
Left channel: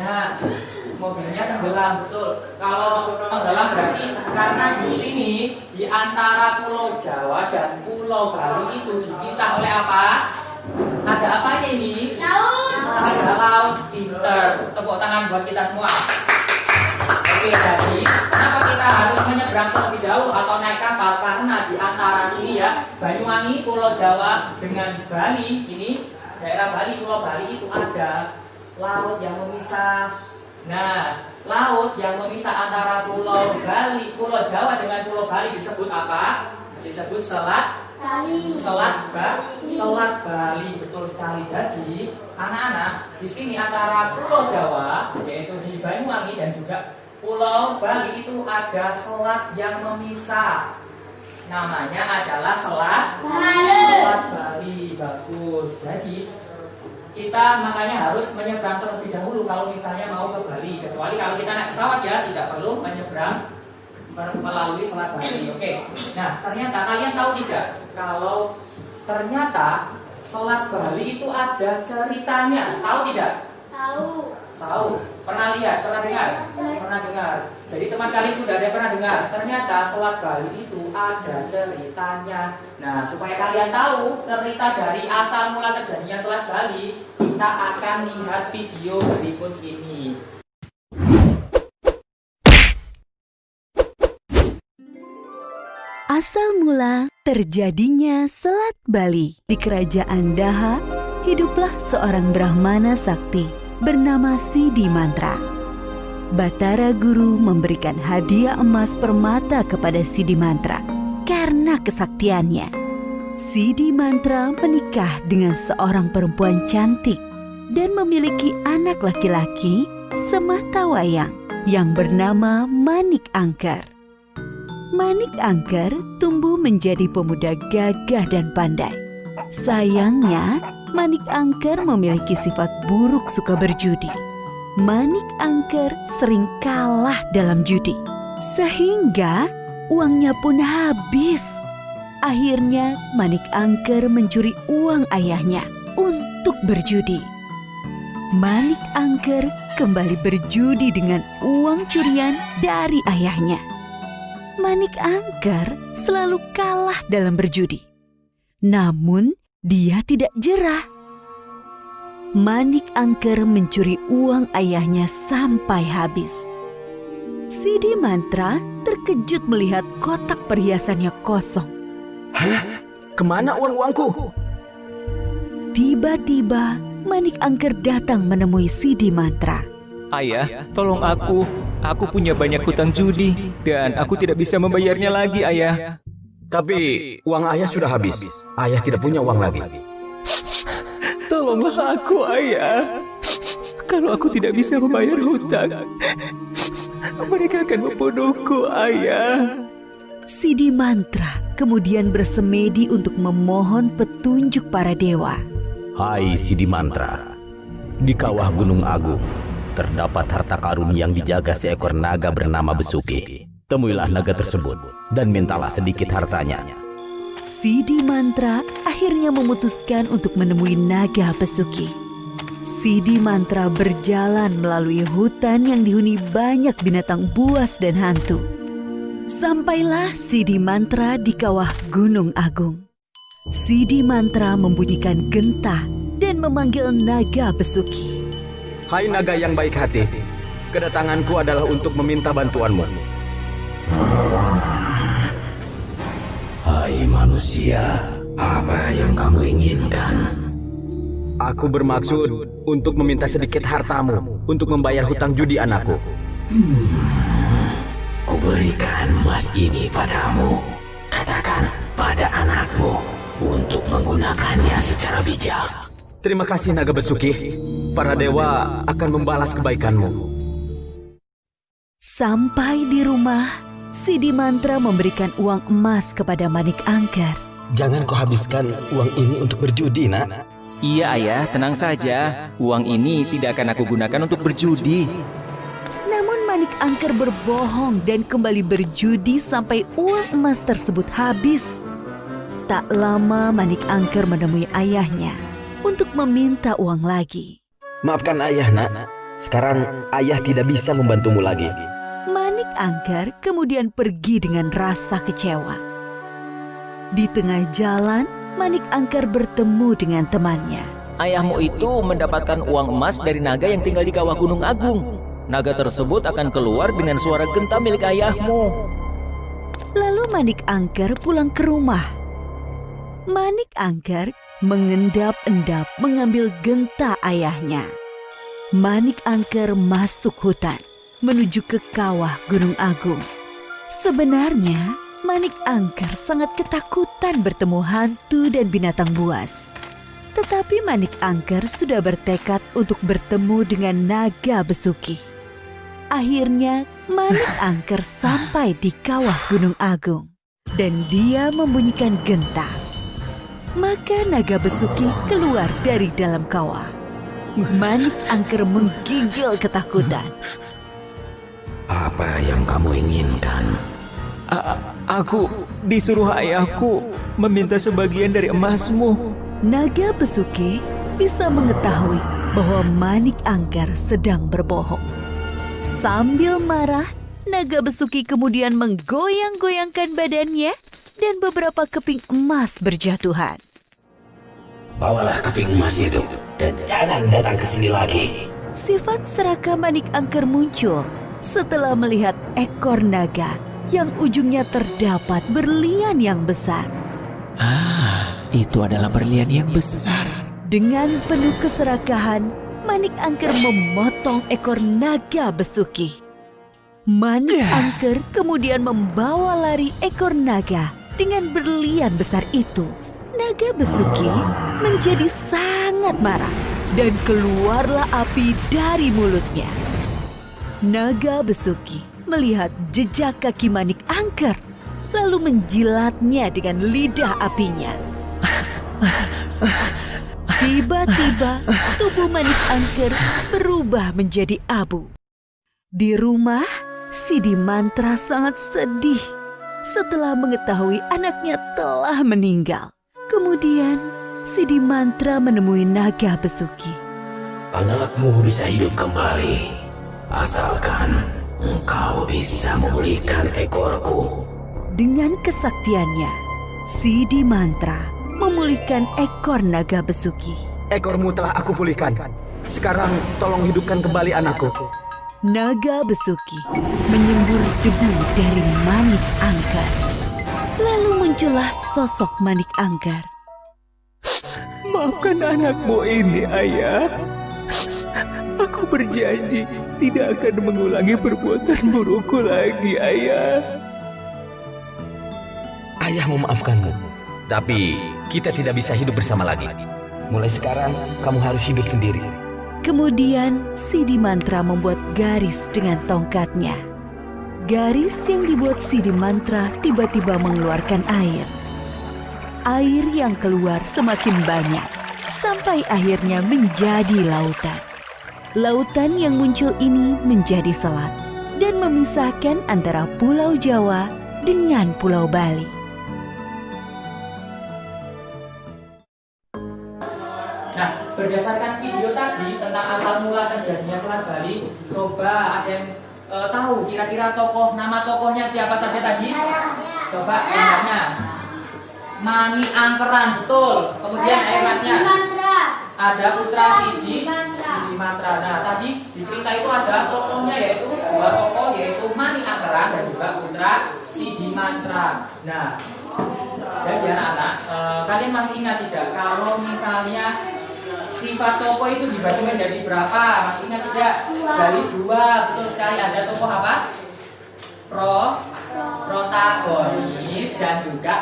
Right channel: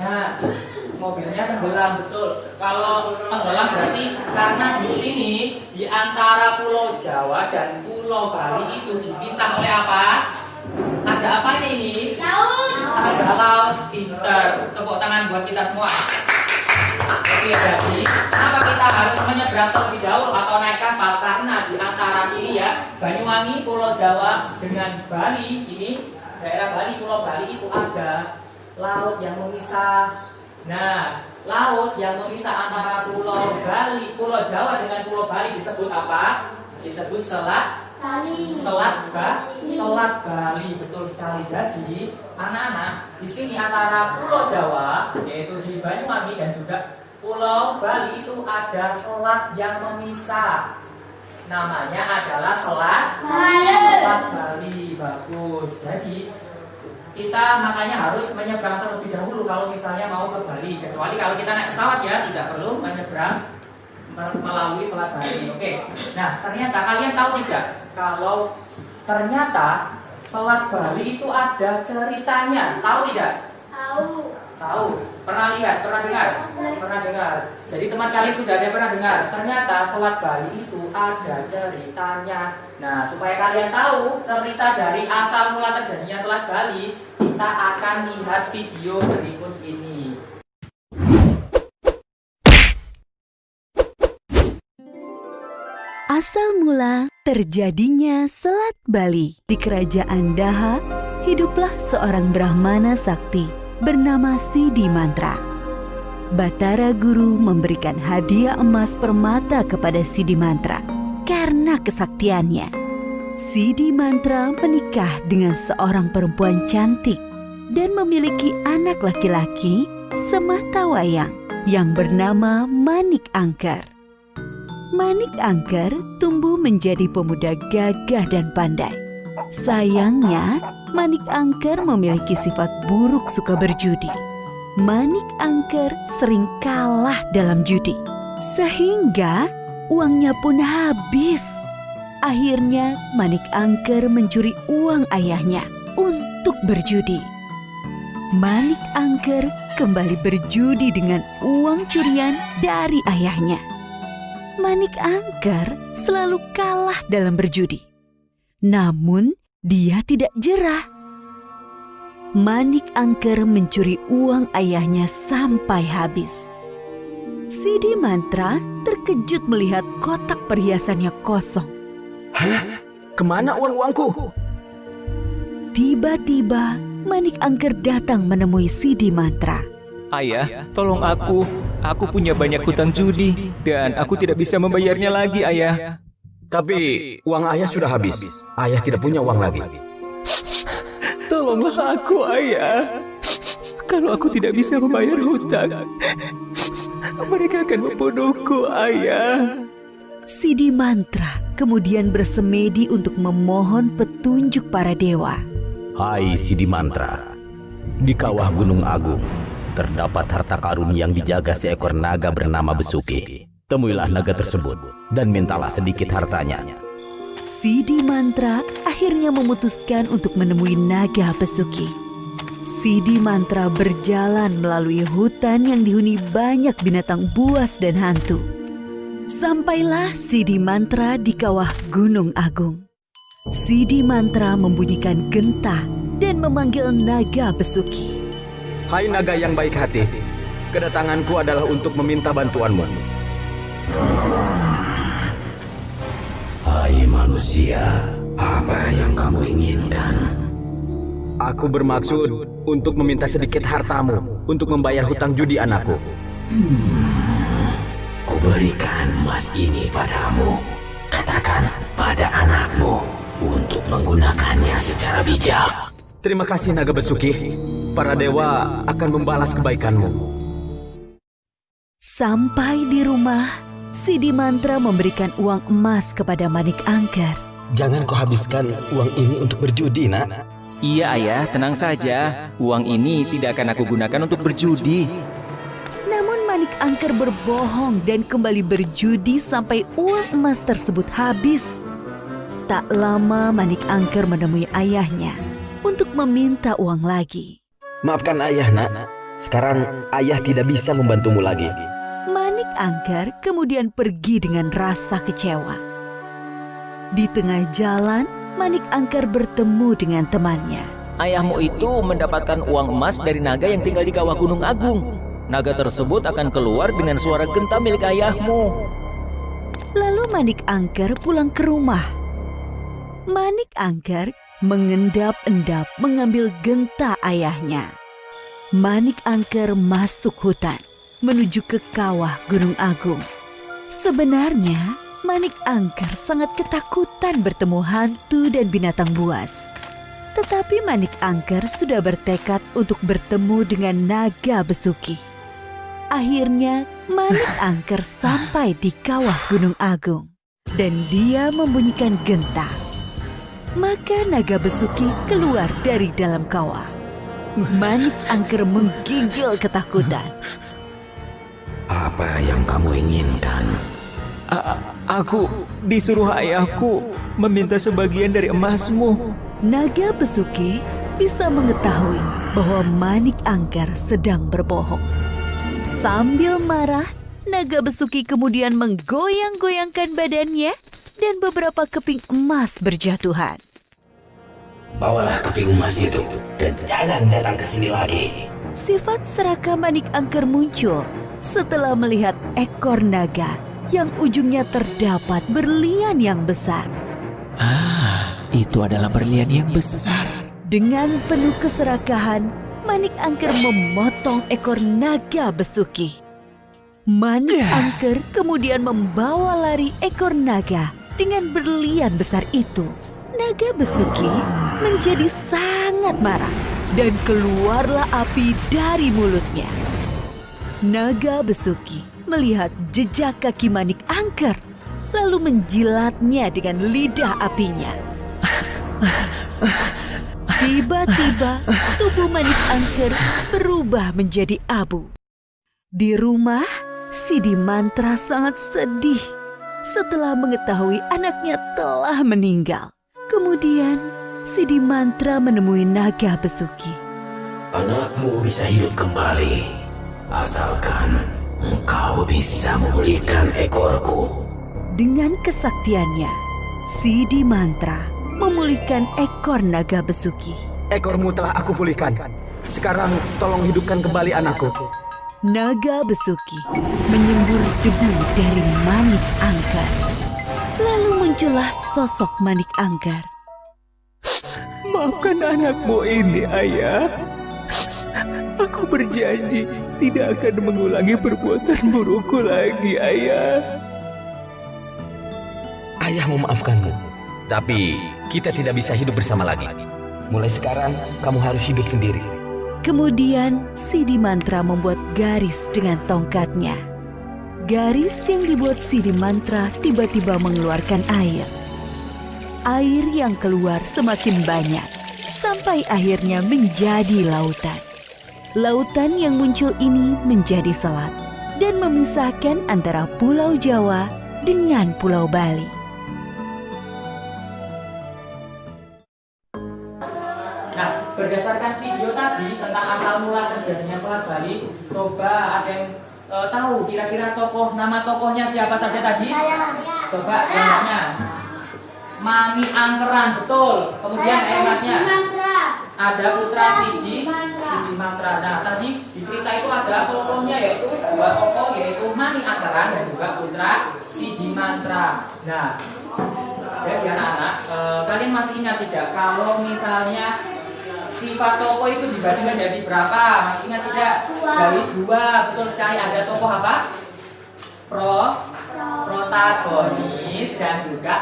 Nah, mobilnya tenggelam, betul. Kalau tenggelam berarti karena di sini di antara Pulau Jawa dan Pulau Bali itu dipisah oleh apa? Ada apanya ini? Laut. Ada laut. Pinter. Tepuk tangan buat kita semua. Oke, jadi kenapa kita harus menyeberang terlebih dahulu atau naik kapal karena di antara sini ya, Banyuwangi, Pulau Jawa dengan Bali ini, daerah Bali, Pulau Bali itu ada laut yang memisah. Nah, laut yang memisah antara Pulau Bali, Pulau Jawa dengan Pulau Bali disebut apa? Disebut Selat Bali, betul sekali. Jadi, anak-anak, di sini antara Pulau Jawa, yaitu di Banyuwangi dan juga Pulau Bali itu ada selat yang memisah. Namanya adalah Selat Bali. Bagus. Jadi, kita makanya harus menyeberang terlebih dahulu kalau misalnya mau ke Bali. Kecuali kalau kita naik pesawat ya, tidak perlu menyeberang melalui Selat Bali. Oke. Nah, ternyata kalian tahu tidak kalau ternyata Selat Bali itu ada ceritanya? Tahu tidak? Tahu. Pernah lihat? Pernah dengar? Pernah dengar. Jadi teman kalian sudah ada pernah dengar? Ternyata Selat Bali itu ada ceritanya. Nah, supaya kalian tahu cerita dari asal mula terjadinya Selat Bali, kita akan lihat video berikut ini. Asal mula terjadinya Selat Bali. Di kerajaan Daha, hiduplah seorang Brahmana sakti bernama Sidi Mantra. Batara Guru memberikan hadiah emas permata kepada Sidi Mantra karena kesaktiannya. Sidi Mantra menikah dengan seorang perempuan cantik dan memiliki anak laki-laki sematawayang yang bernama Manik Angker. Manik Angker tumbuh menjadi pemuda gagah dan pandai. Sayangnya, Manik Angker memiliki sifat buruk suka berjudi. Manik Angker sering kalah dalam judi, sehingga uangnya pun habis. Akhirnya, Manik Angker mencuri uang ayahnya untuk berjudi. Manik Angker kembali berjudi dengan uang curian dari ayahnya. Manik Angker selalu kalah dalam berjudi. Namun, dia tidak jerah. Manik Angker mencuri uang ayahnya sampai habis. Sidi Mantra terkejut melihat kotak perhiasannya kosong. Hah? Kemana uang-uangku? Tiba-tiba, Manik Angker datang menemui Sidi Mantra. Ayah, tolong aku. Aku punya banyak hutang judi dan aku tidak bisa membayarnya lagi, Ayah. Tapi uang ayah sudah habis. Ayah tidak punya uang lagi. Tolonglah aku, Ayah. Kalau aku tidak bisa membayar hutang, mereka akan membunuhku, Ayah. Sidi Mantra kemudian bersemedi untuk memohon petunjuk para dewa. Hai Sidi Mantra, di kawah Gunung Agung terdapat harta karun yang dijaga seekor naga bernama Besuki. Temuilah naga tersebut dan mintalah sedikit hartanya. Sidi Mantra akhirnya memutuskan untuk menemui naga Besuki. Sidi Mantra berjalan melalui hutan yang dihuni banyak binatang buas dan hantu. Sampailah Sidi Mantra di kawah Gunung Agung. Sidi Mantra membunyikan gentah dan memanggil naga Besuki. Hai naga yang baik hati, kedatanganku adalah untuk meminta bantuanmu. Hai manusia, apa yang kamu inginkan? Aku bermaksud untuk meminta sedikit hartamu untuk membayar hutang judi anakku. Kuberikan emas ini padamu. Katakan pada anakmu untuk menggunakannya secara bijak. Terima kasih naga Besuki. Para dewa akan membalas kebaikanmu. Sampai di rumah, Sidi Mantra memberikan uang emas kepada Manik Angker. Jangan kau habiskan uang ini untuk berjudi, nak. Iya, Ayah, tenang saja. Uang ini tidak akan aku gunakan untuk berjudi. Namun Manik Angker berbohong dan kembali berjudi sampai uang emas tersebut habis. Tak lama Manik Angker menemui ayahnya untuk meminta uang lagi. Maafkan ayah, nak. Sekarang ayah tidak bisa membantumu lagi. Manik Angker kemudian pergi dengan rasa kecewa. Di tengah jalan, Manik Angker bertemu dengan temannya. Ayahmu itu mendapatkan uang emas dari naga yang tinggal di kawah Gunung Agung. Naga tersebut akan keluar dengan suara genta milik ayahmu. Lalu Manik Angker pulang ke rumah. Manik Angker mengendap-endap mengambil genta ayahnya. Manik Angker masuk hutan menuju ke kawah Gunung Agung. Sebenarnya Manik Angker sangat ketakutan bertemu hantu dan binatang buas. Tetapi Manik Angker sudah bertekad untuk bertemu dengan naga besuki. Akhirnya Manik Angker sampai di kawah Gunung Agung dan dia membunyikan genta. Maka naga besuki keluar dari dalam kawah. Manik Angker menggigil ketakutan. Apa yang kamu inginkan? Aku disuruh ayahku meminta sebagian dari emasmu. Naga besuki bisa mengetahui bahwa Manik Angker sedang berbohong. Sambil marah, naga besuki kemudian menggoyang-goyangkan badannya dan beberapa keping emas berjatuhan. Bawalah keping emas itu dan jangan datang ke sini lagi. Sifat serakah Manik Angker muncul setelah melihat ekor naga yang ujungnya terdapat berlian yang besar. Itu adalah berlian yang besar. Dengan penuh keserakahan, Manik Angker memotong ekor naga besuki. Manik Angker kemudian membawa lari ekor naga dengan berlian besar itu. Naga besuki menjadi sangat marah dan keluarlah api dari mulutnya. Naga besuki melihat jejak kaki Manik Angker, lalu menjilatnya dengan lidah apinya. Tiba-tiba tubuh Manik Angker berubah menjadi abu. Di rumah, Sidi Mantra sangat sedih setelah mengetahui anaknya telah meninggal. Kemudian, Sidi Mantra menemui naga besuki. Anakmu bisa hidup kembali, asalkan engkau bisa memulihkan ekorku. Dengan kesaktiannya, Sidi Mantra memulihkan ekor naga besuki. Ekormu telah aku pulihkan. Sekarang tolong hidupkan kembali anakku. Naga besuki menyembur debu dari Manik Angker. Lalu muncullah sosok Manik Angker. Maafkan anakmu ini, ayah. Aku berjanji tidak akan mengulangi perbuatan burukku lagi, ayah. Ayah memaafkanmu. Tapi kita tidak bisa hidup bersama lagi. Mulai sekarang kamu harus hidup sendiri. Kemudian Sidi Mantra membuat garis dengan tongkatnya. Garis yang dibuat Sidi Mantra tiba-tiba mengeluarkan air. Air yang keluar semakin banyak, sampai akhirnya menjadi lautan. Lautan yang muncul ini menjadi selat dan memisahkan antara Pulau Jawa dengan Pulau Bali. Nah, berdasarkan video tadi tentang asal mula terjadinya Selat Bali, coba ada yang tahu kira-kira nama tokohnya siapa saja tadi? Coba yang nanya. Manik Angkeran, betul. Kemudian masnya ada putra Sidi Mantra. Nah, tadi di cerita itu ada tokohnya yaitu dua tokoh yaitu Manik Angkeran dan juga putra Sidi Mantra. Nah, jadi anak-anak, kalian masih ingat tidak kalau misalnya sifat tokoh itu dibagi menjadi berapa? Masih ingat tidak? Dari dua, betul sekali. Ada tokoh apa? Protagonis dan juga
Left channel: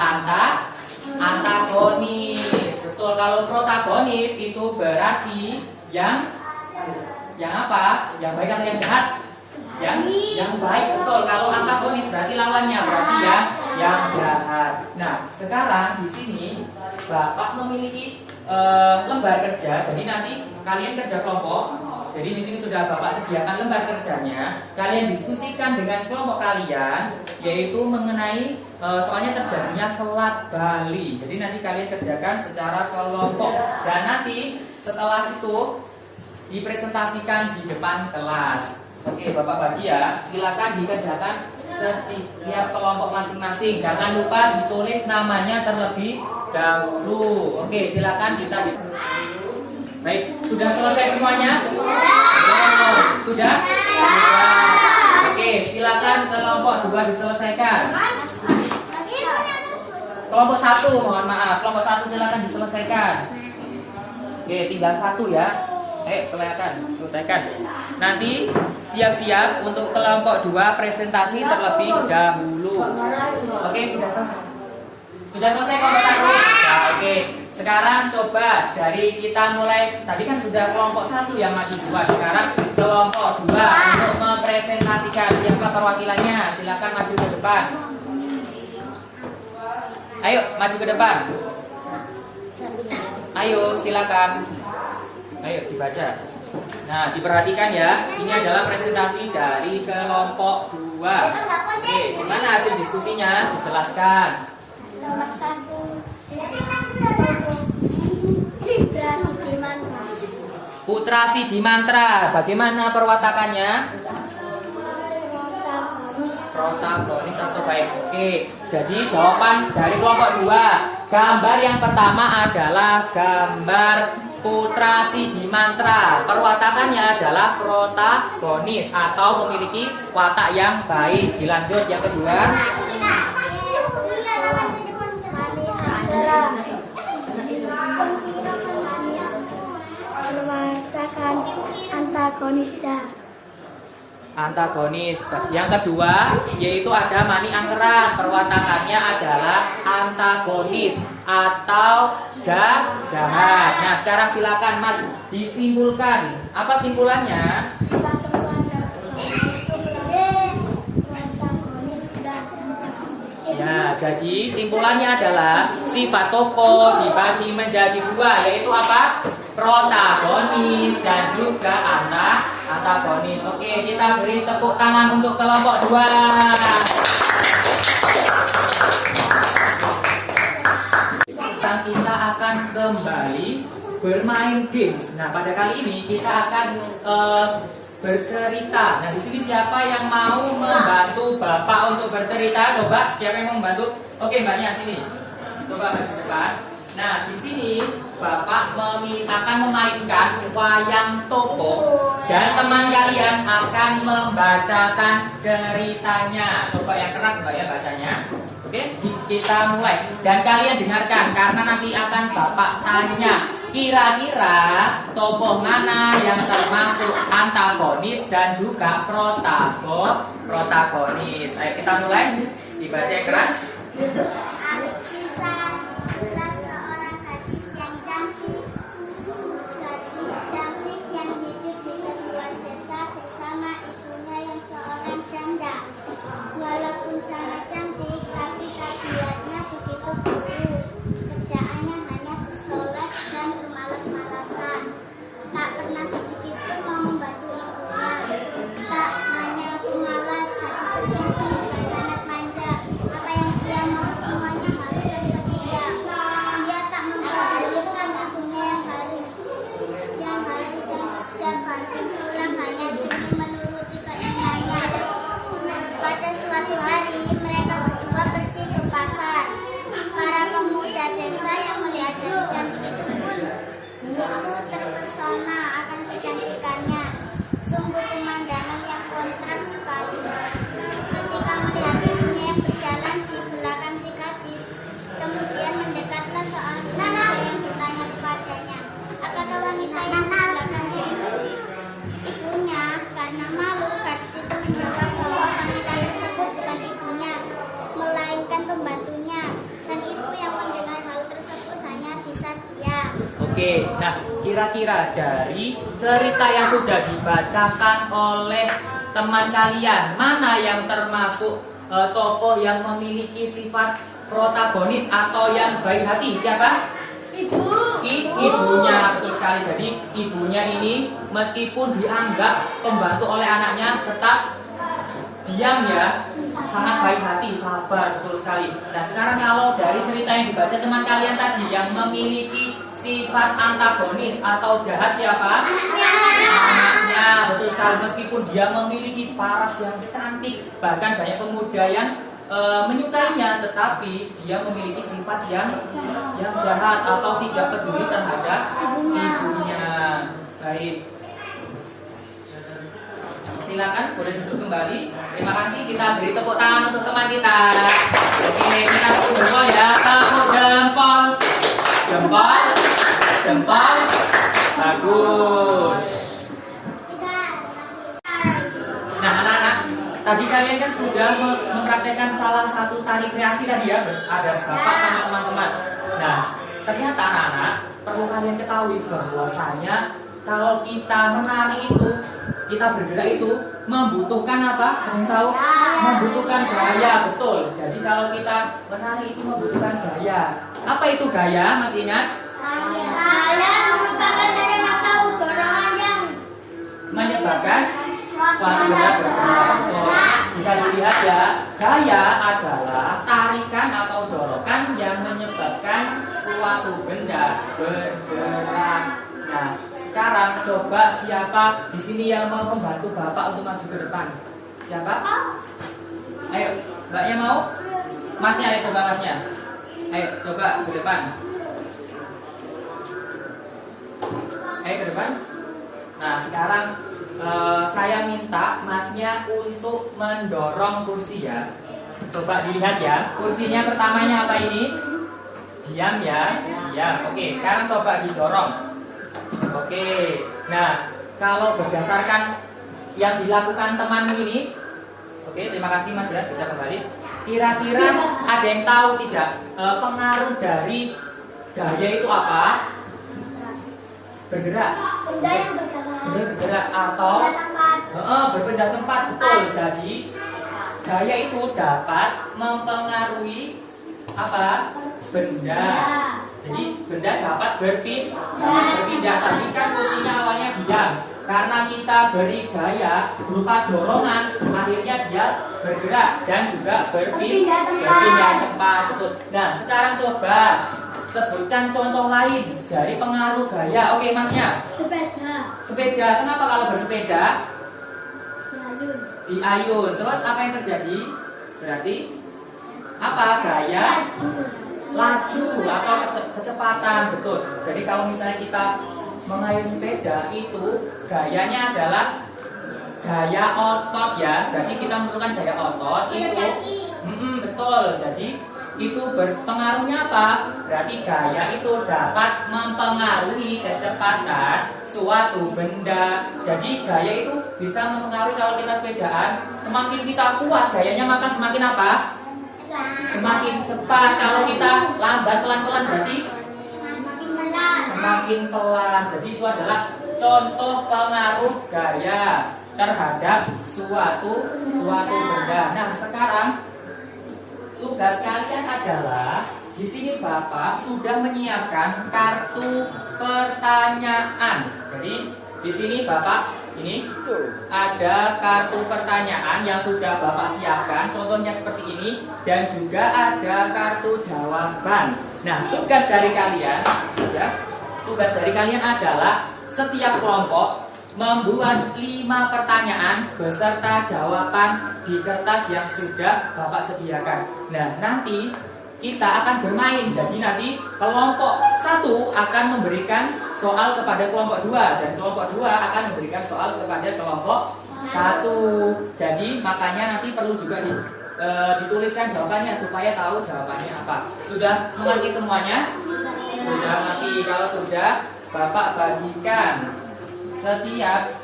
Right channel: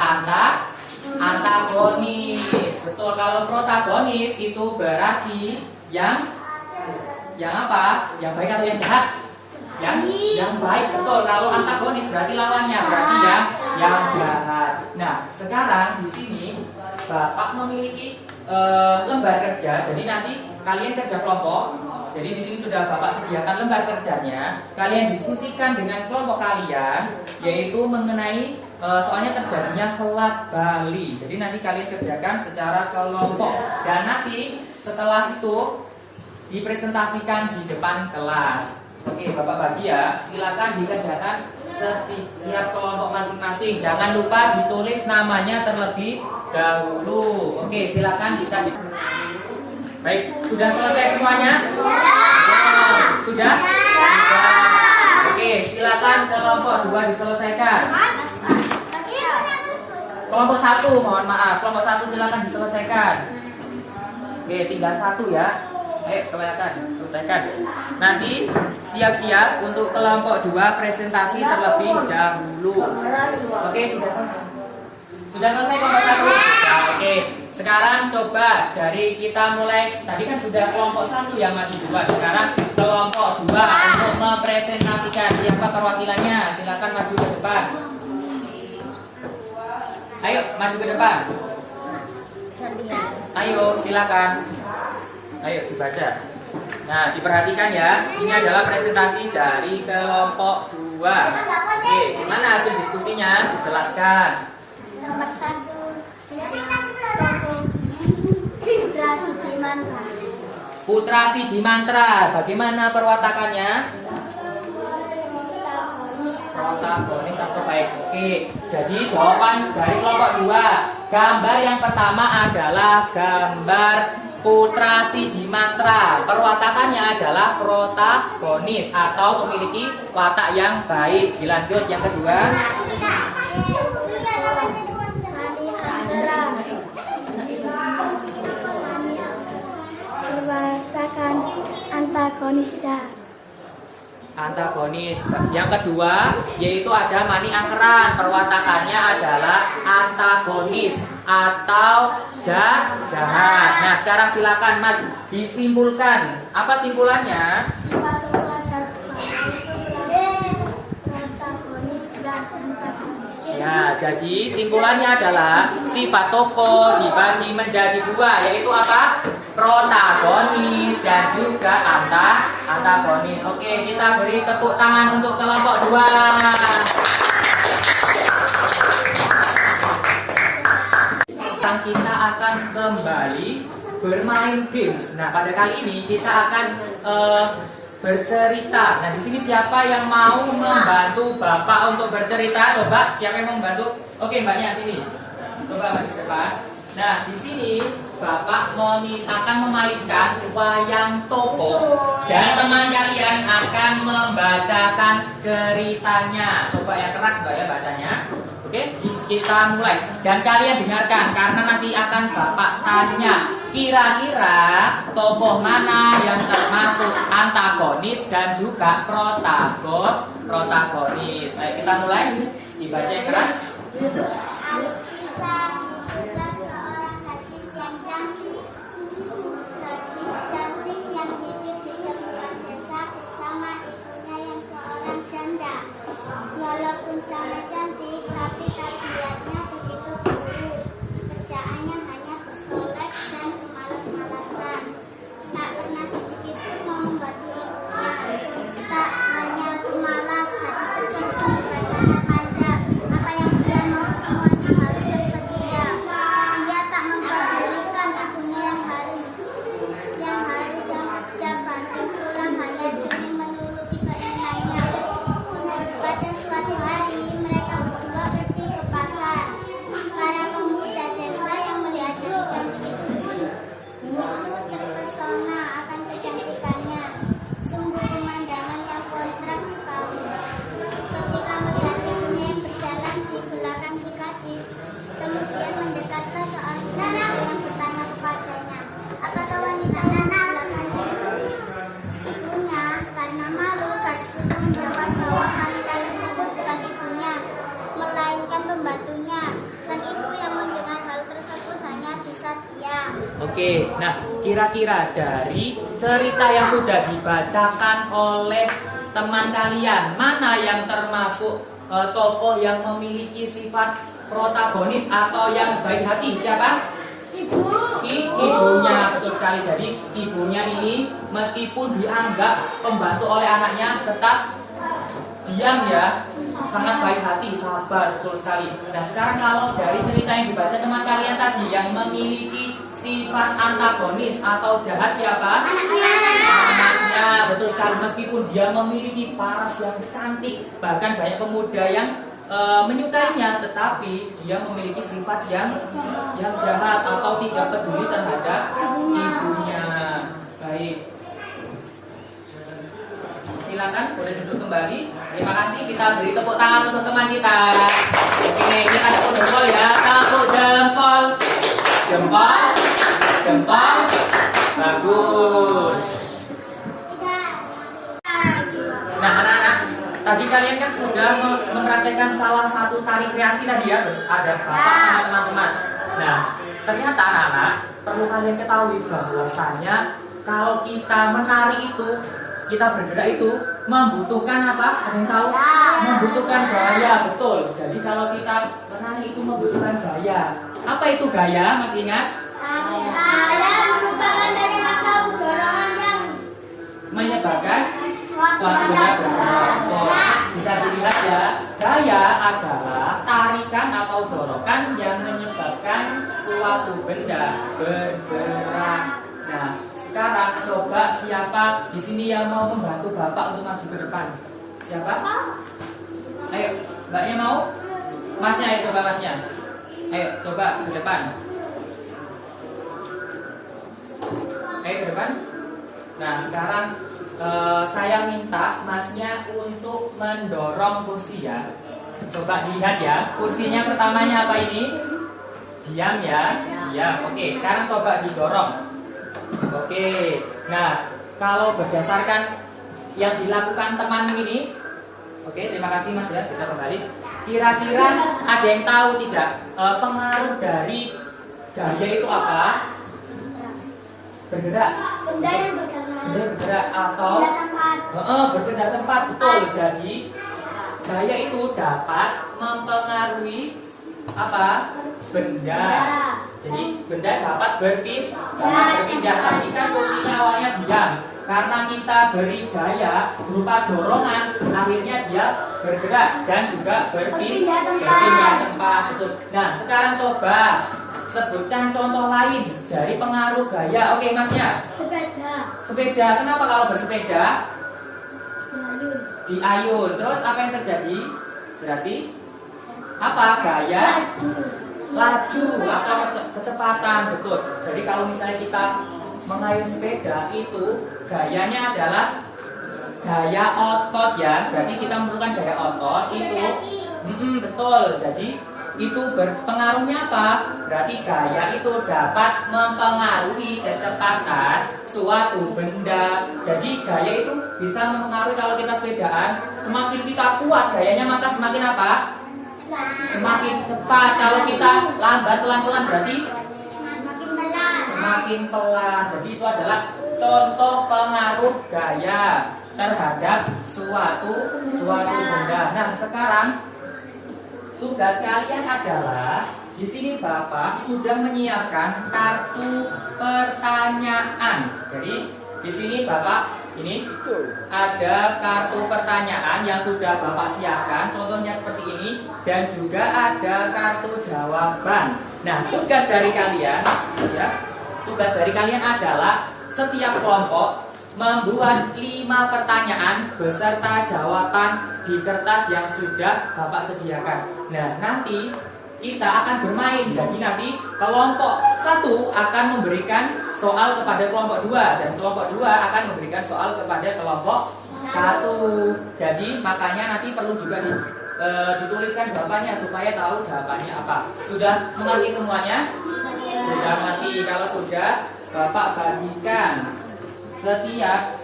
antagonis. Betul, kalau protagonis itu berarti yang apa? Yang baik atau yang jahat? Yang baik, betul. Kalau antagonis berarti lawannya, berarti yang jahat. Nah, sekarang di sini Bapak memiliki lembar kerja. Jadi nanti kalian kerja kelompok. Jadi di sini sudah Bapak sediakan lembar kerjanya. Kalian diskusikan dengan kelompok kalian, yaitu mengenai soalnya terjadinya Selat Bali. Jadi nanti kalian kerjakan secara kelompok. Dan nanti setelah itu dipresentasikan di depan kelas. Oke, Bapak bagi ya. Silakan dikerjakan setiap kelompok masing-masing. Jangan lupa ditulis namanya terlebih dahulu. Oke, silakan bisa Baik, sudah selesai semuanya? Sudah? Sudah. Oke, silakan kelompok 2 diselesaikan. Kelompok 1, mohon maaf. Kelompok 1 silakan diselesaikan. Oke, tinggal 1 ya. Ayo selesaikan. Nanti siap-siap untuk kelompok 2 presentasi terlebih dahulu. Oke, sudah selesai. Sudah selesai kelompok 1. Nah, oke. Sekarang coba dari kita mulai. Tadi kan sudah kelompok 1 yang maju 2. Sekarang kelompok 2 untuk mempresentasikan. Siapa perwakilannya? Silakan maju ke depan. Ayo maju ke depan. Ayo silakan. Ayo dibaca. Nah, diperhatikan ya. Ini adalah presentasi dari kelompok 2. Oke, gimana hasil diskusinya? Dijelaskan. Nomor 1 Putra Sidi Mantra. Putra Sidi Mantra. Bagaimana perwatakannya? Protagonis atau baik. Oke, jadi jawaban dari kelompok 2. Gambar yang pertama adalah gambar Putra Sidi Mantra. Perwatakannya adalah protagonis atau memiliki watak yang baik. Dilanjut yang kedua. Perwatakan antagonis. Antagonis. Yang kedua yaitu ada Mani Angkeran. Perwatakannya adalah antagonis atau jahat. Nah, sekarang silakan Mas disimpulkan. Apa simpulannya? Ya, jadi simpulannya adalah sifat tokoh dibagi menjadi 2, yaitu apa? Protagonis dan juga antagonis. Oke, kita beri tepuk tangan untuk kelompok 2. Sekarang kita akan kembali bermain games. Nah, pada kali ini kita akan bercerita. Nah, di sini siapa yang mau membantu Bapak untuk bercerita? Coba, siapa yang mau membantu? Oke, Mbaknya sini. Coba maju ke depan. Nah, di sini Bapak akan memainkan wayang toko dan teman kalian akan membacakan ceritanya. Coba yang keras Mbak ya bacanya. Oke, kita mulai. Dan kalian dengarkan karena nanti akan Bapak tanya. Kira-kira tokoh mana yang termasuk antagonis dan juga protagonis? Ayo kita mulai. Dibaca yang keras. Alkisah adalah seorang gadis yang cantik. Gadis cantik yang hidup di sebuah desa bersama ibunya yang seorang janda. Walaupun sangat cantik, tapi tabiatnya begitu buruk. Kerjaannya hanya bersolek dan bermalas-malasan. Tak pernah sedikit pun mau membantu ibunya. Tak hanya pemalas, gadis tersebut juga sangat manja. Apa yang dia mau semuanya harus tersedia. Dia tak mempedulikan ibunya yang kerja banting tulang hanya demi menuruti keinginannya. Pada suatu hari mereka berdua pergi ke pasar. Para pemuda desa yang melihat gadis cantik itu terpesona akan kecantikannya. Sungguh pemandangan yang kontras sekali. Ketika melihat ibunya yang berjalan di belakang si gadis, kemudian mendekatlah seorang wanita yang bertanya kepadanya, apakah wanita yang di belakangnya itu ibunya? Karena malu, gadis itu menjawab bahwa wanita tersebut bukan ibunya, melainkan pembantunya. Dan ibu yang mendengar hal tersebut hanya bisa diam. Oke, nah kira-kira dari cerita yang sudah dibacakan oleh teman kalian, mana yang termasuk tokoh yang memiliki sifat protagonis atau yang baik hati? Siapa? Ibunya, betul sekali. Jadi ibunya ini meskipun dianggap pembantu oleh anaknya tetap diam ya, sangat baik hati, sabar, betul sekali. Nah, sekarang kalau dari cerita yang dibaca teman kalian tadi yang memiliki sifat antagonis atau jahat siapa? Anaknya, betul sekali. Meskipun dia memiliki paras yang cantik, bahkan banyak pemuda yang menyukainya, tetapi dia memiliki sifat yang jahat atau tidak peduli terhadap ibunya. Baik. Silakan boleh duduk kembali. Terima kasih, kita beri tepuk tangan untuk teman kita. Oke, kita tepuk jempol ya. Tepuk jempol. Jempol. Jempol. Bagus. Nah, anak-anak, tadi kalian kan sudah mempraktekkan salah satu tari kreasi tadi ya, ada bapak sama teman-teman. Nah, ternyata anak-anak perlu kalian ketahui bahwasanya kalau kita menari itu, kita bergerak itu membutuhkan apa? Ada yang tahu? Membutuhkan gaya, betul. Jadi kalau kita menari itu membutuhkan gaya. Apa itu gaya? Masih ingat? Gaya merupakan dari atau dorongan yang Menyebabkan suatu benda bergerak. Bisa dilihat ya, gaya adalah tarikan atau dorongan yang menyebabkan suatu benda bergerak. Nah, sekarang coba siapa di sini yang mau membantu Bapak untuk maju ke depan? Siapa? Ayo, Mbaknya mau? Masnya, ayo coba Masnya. Ayo coba ke depan. Ayo ke depan. Nah, sekarang saya minta Masnya untuk mendorong kursi ya. Coba dilihat ya. Kursinya pertamanya apa ini? Diam ya. Diam. Oke, sekarang coba didorong. Oke. Nah, kalau berdasarkan yang dilakukan temanmu ini, oke, terima kasih Mas ya, bisa kembali. Kira-kira ada yang tahu tidak pengaruh dari gaya itu apa? Bergerak. benda yang bergerak. Benda bergerak atau berpindah tempat, betul. Jadi gaya itu dapat mempengaruhi apa? Benda. Jadi benda dapat berpindah. Tadi kan kursinya awalnya diam. Karena kita beri gaya berupa dorongan, akhirnya dia bergerak dan juga berpindah tempat. Betul. Nah, sekarang coba sebutkan contoh lain dari pengaruh gaya. Oke, Masnya. Sepeda. Sepeda. Kenapa kalau bersepeda? Diayun. Terus apa yang terjadi? Berarti apa? Gaya laju atau kecepatan. Betul. Jadi kalau misalnya kita mengayun sepeda itu gayanya adalah gaya otot ya. Berarti kita memerlukan gaya otot itu. Betul. Jadi itu berpengaruhnya apa? Berarti gaya itu dapat mempengaruhi kecepatan suatu benda. Jadi gaya itu bisa mempengaruhi kalau kita sepedaan. Semakin kita kuat gayanya maka semakin apa? Semakin cepat. Kalau kita lambat pelan-pelan berarti semakin pelan. Jadi itu adalah contoh pengaruh gaya terhadap suatu benda. Nah, sekarang tugas kalian adalah di sini Bapak sudah menyiapkan kartu pertanyaan. Jadi di sini Bapak ini ada kartu pertanyaan yang sudah Bapak siapkan. Contohnya seperti ini dan juga ada kartu jawaban. Nah, tugas dari kalian ya, tugas dari kalian adalah setiap kelompok membuat 5 pertanyaan beserta jawaban di kertas yang sudah Bapak sediakan. Nah, nanti kita akan bermain. Jadi nanti kelompok 1 akan memberikan soal kepada kelompok 2 dan kelompok 2 akan memberikan soal kepada kelompok 1. Jadi makanya nanti perlu juga dituliskan jawabannya supaya tahu jawabannya apa. Sudah mengerti semuanya? Sudah mengerti. Kalau sudah, Bapak bagikan. Setiap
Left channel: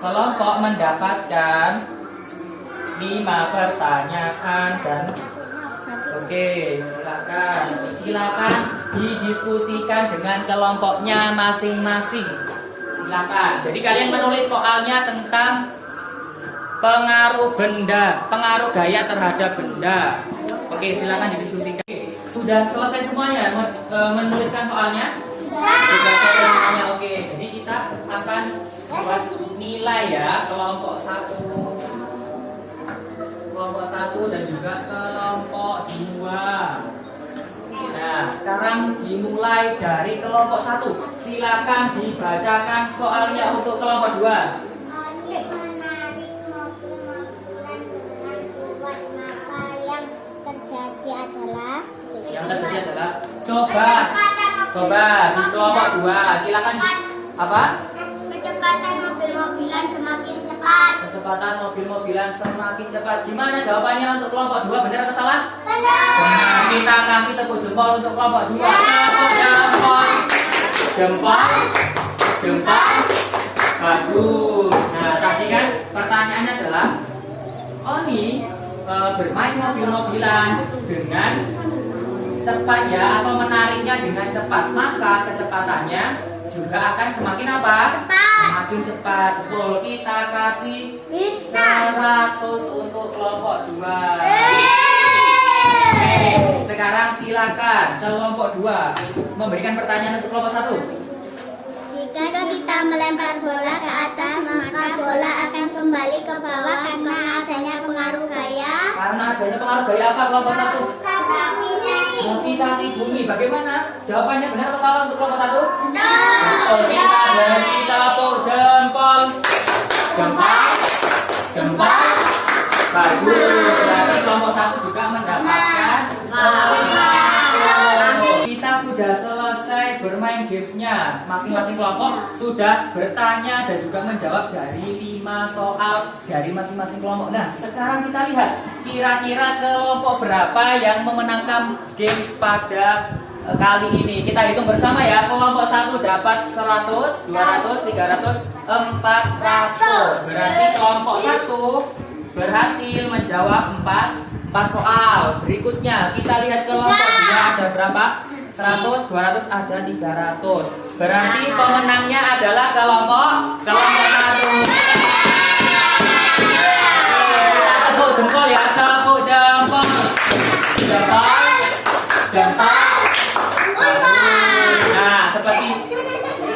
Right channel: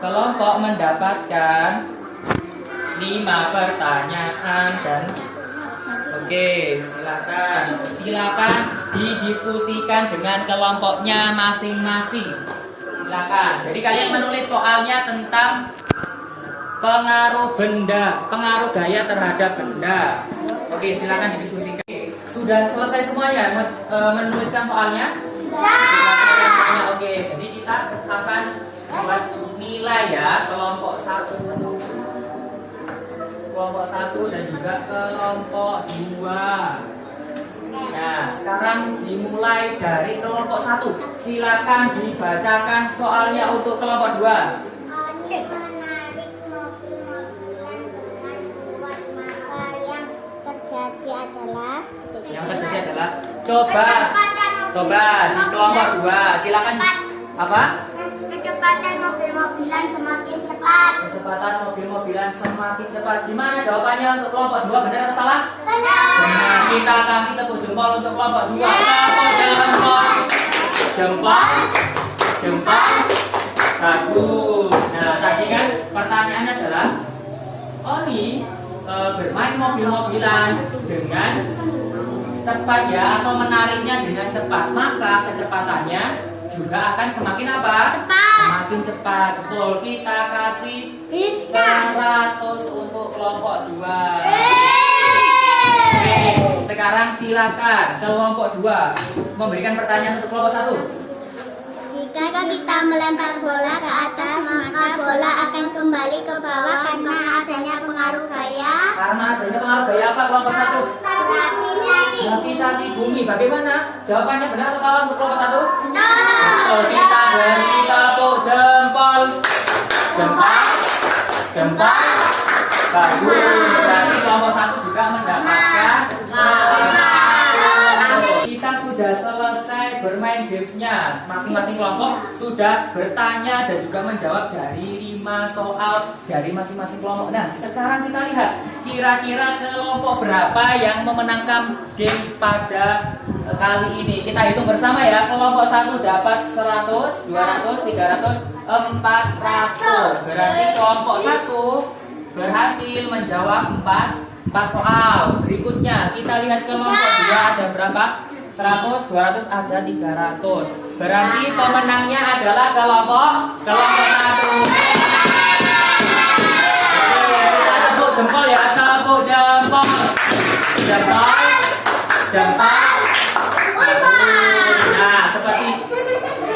kelompok mendapatkan 5 pertanyaan dan oke, silakan didiskusikan dengan kelompoknya masing-masing. Silakan. Jadi kalian menulis soalnya tentang pengaruh benda, pengaruh gaya terhadap benda. Oke, silakan didiskusikan. Sudah selesai semuanya menuliskan soalnya? Sudah selesai semuanya. Oke, jadi kita akan buat nilai ya kelompok 1 dan juga kelompok 2. Nah, sekarang dimulai dari kelompok 1. Silakan dibacakan soalnya untuk kelompok 2. Menarik mobil-mobilan dengan kuat, maka yang terjadi adalah coba di kelompok 2. Silakan apa? Kecepatan mobil-mobilan semakin cepat. kecepatan mobil-mobilan semakin cepat. Gimana jawabannya untuk kelompok 2? Benar atau salah? Benar. Benar. Kita kasih tepuk jempol untuk kelompok 2. Tepuk jempol. Jempol. Jempol. Bagus. Nah, tadi kan pertanyaannya adalah Oni bermain mobil-mobilan dengan cepat ya, atau menariknya dengan cepat, maka kecepatannya juga akan semakin apa? Cepat. Semakin cepat. Betul. Kita kasih 100 untuk kelompok 2. Oke, sekarang silakan kelompok 2 memberikan pertanyaan untuk kelompok 1. Jika kita melempar bola ke atas, maka bola akan kembali ke bawah karena adanya pengaruh gaya. Karena adanya pengaruh gaya apa kelompok 1? Gravitasi bumi. Bagaimana? Jawabannya benar atau salah untuk kelompok 1? Betul. Kita beri tepuk jempol. Jempol. Jempol. Bagus. Berarti kelompok 1 juga mendapatkan 100. Kita sudah selesai bermain gamesnya. Masing-masing kelompok sudah bertanya dan juga menjawab dari 5 soal dari masing-masing kelompok. Nah, sekarang kita lihat kira-kira kelompok berapa yang memenangkan games pada kali ini. Kita hitung bersama ya. Kelompok 1 dapat 100, 200, 300, 400. Berarti kelompok 1 berhasil menjawab 4 soal. Berikutnya kita lihat kelompok 2 ada berapa? 100, 200, ada 300. Berarti pemenangnya adalah kelompok 1. Oke, kita tepuk jempol ya, tepuk jempol. Jempol. Jempol. Nah, seperti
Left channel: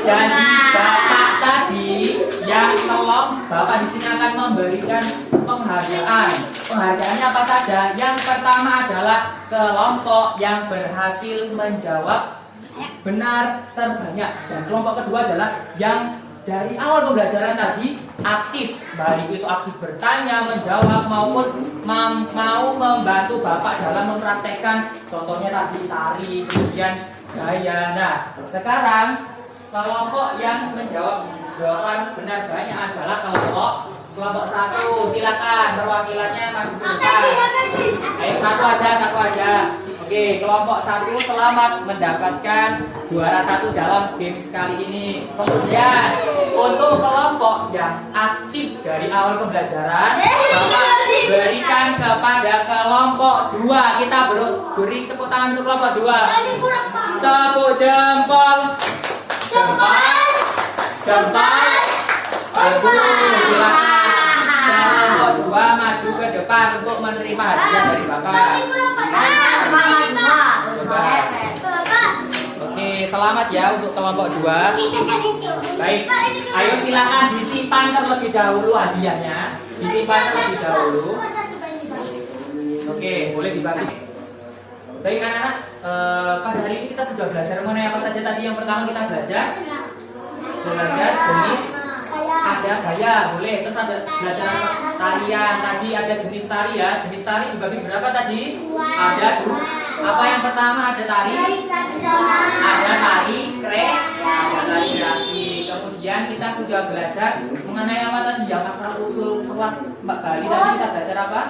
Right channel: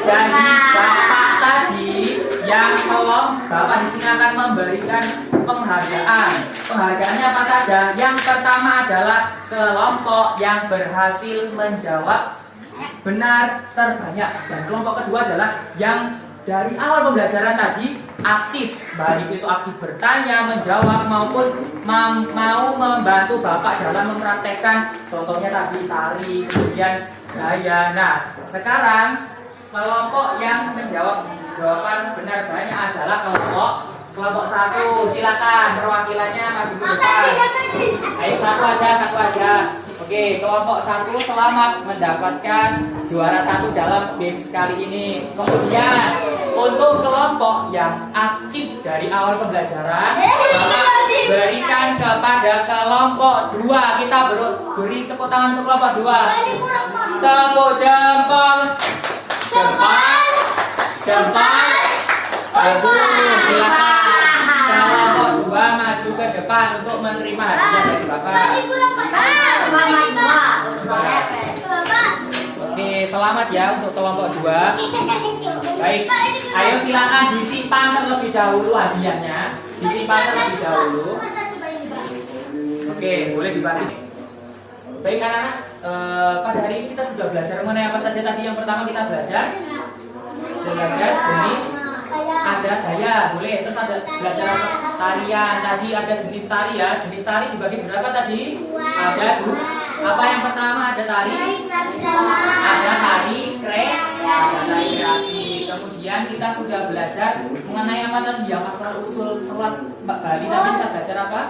janji Bapak tadi, yang tolong Bapak di sini akan memberikan penghargaan. Penghargaannya apa saja? Yang pertama adalah kelompok yang berhasil menjawab benar terbanyak, dan kelompok kedua adalah yang dari awal pembelajaran tadi aktif, baik itu aktif bertanya, menjawab maupun mau membantu Bapak dalam mempraktekkan contohnya tadi tari, kemudian gaya. Nah, sekarang kelompok yang menjawab jawaban benar banyak adalah kelompok 1. Silakan perwakilannya maju ke depan. Ayo satu aja. Oke, kelompok 1 selamat mendapatkan juara 1 dalam games kali ini. Kemudian untuk kelompok yang aktif dari awal pembelajaran, Bapak berikan kepada kelompok 2. Kita beri tepuk tangan untuk kelompok 2. Tepuk jempol. Jempol. Jempol. Bagus, silakan. Kelompok 2 maju ke depan untuk menerima hadiah dari Bapak. Oke, selamat ya untuk kelompok 2. Baik, ayo silakan disimpan terlebih dahulu hadiahnya. Disimpan terlebih dahulu. Oke, boleh dibagi. Baik anak-anak, pada hari ini kita sudah belajar mengenai apa saja tadi. Yang pertama kita belajar jenis, ada gaya, boleh. Terus ada belajar apa? Tarian. Tadi ada jenis tari ya. Jenis tari dibagi berapa tadi? Ada 2. Apa yang pertama? Ada tari, ada tari ada tari kreasi. Kemudian kita sudah belajar mengenai apa tadi ya, asal usul selat Mbak Bali. Tadi kita belajar apa?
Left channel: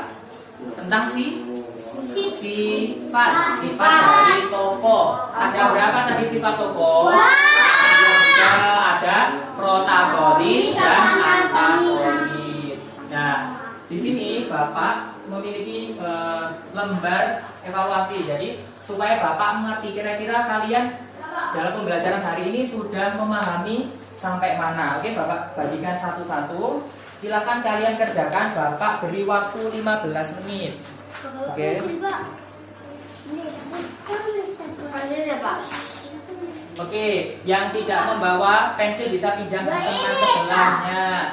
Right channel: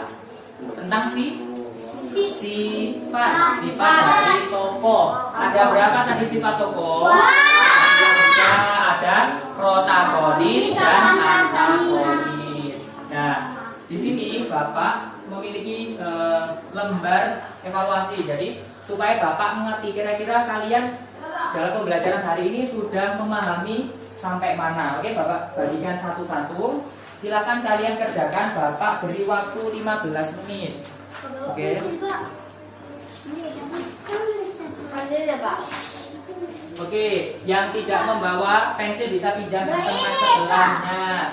Tentang sifat dari tokoh. Ada berapa tadi sifat tokoh? Ada protagonis dan antagonis. Nah, di sini Bapak memiliki lembar evaluasi. Jadi supaya Bapak mengerti kira-kira kalian dalam pembelajaran hari ini sudah memahami sampai mana. Oke, Bapak bagikan satu-satu. Silakan kalian kerjakan. Bapak beri waktu 15 menit. Oke. Oke, yang tidak membawa pensil bisa pinjam ke teman sebelahnya.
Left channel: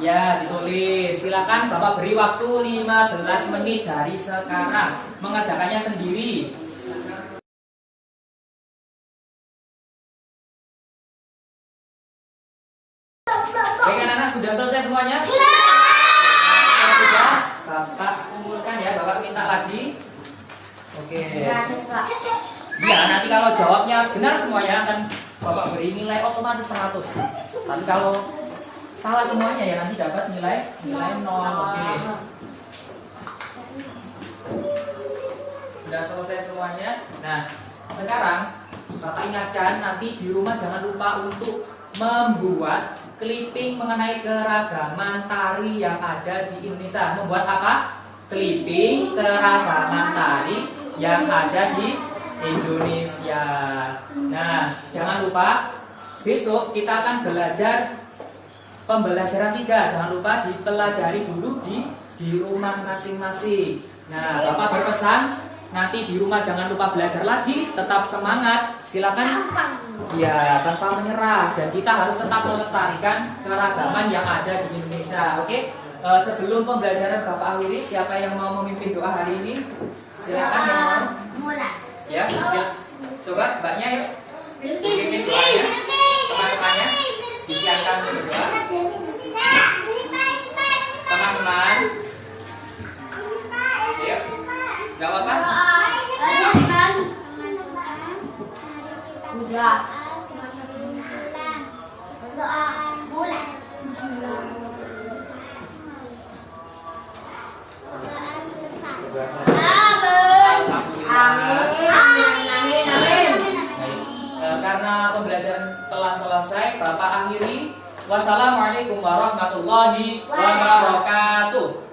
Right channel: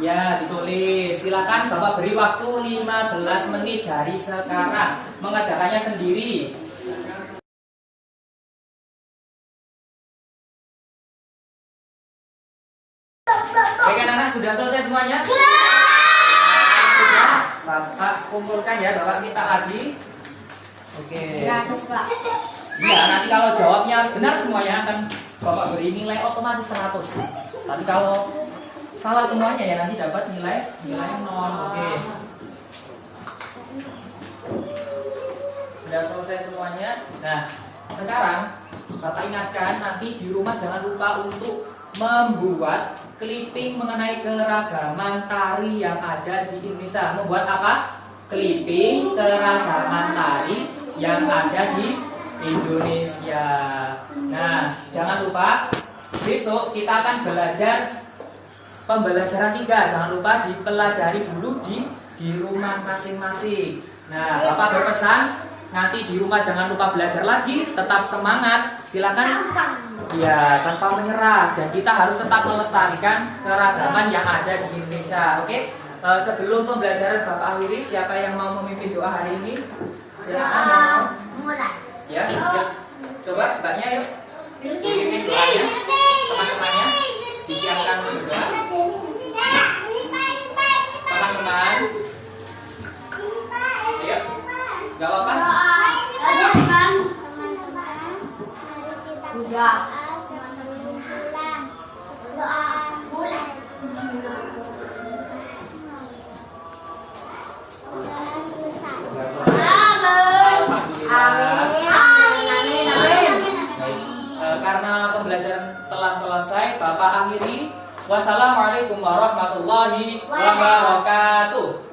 Ya, ditulis. Silakan Bapak beri waktu 15 menit dari sekarang. Mengerjakannya sendiri. Baik anak-anak, sudah selesai semuanya? Sudah. Bapak kumpulkan ya, Bapak minta lagi. Oke. Ya, nanti kalau jawabnya benar semuanya akan Bapak beri nilai otomatis 100. Tapi kalau salah semuanya ya, nanti dapat nilai 0. Oke. Sudah selesai semuanya. Nah, sekarang Bapak ingatkan nanti di rumah jangan lupa untuk membuat clipping mengenai keragaman tari yang ada di Indonesia. Membuat apa? Clipping keragaman tari yang ada di Indonesia. Nah, jangan lupa besok kita akan belajar pembelajaran 3. Jangan lupa dipelajari dulu di rumah masing-masing. Nah, Bapak berpesan nanti di rumah jangan lupa belajar lagi, tetap semangat, silakan ya tanpa menyerah, dan kita harus tetap melestarikan keragaman yang ada di Indonesia. Oke, sebelum pembelajaran Bapak akhiri, siapa yang mau memimpin doa hari ini? Silakan yang mau. Ya, coba Mbaknya yuk memimpin doanya, teman-temannya disiapkan berdoa. Teman-teman, ya, nggak apa-apa. Karena pembelajaran telah selesai, Bapak akhiri. Wassalamualaikum warahmatullahi wabarakatuh.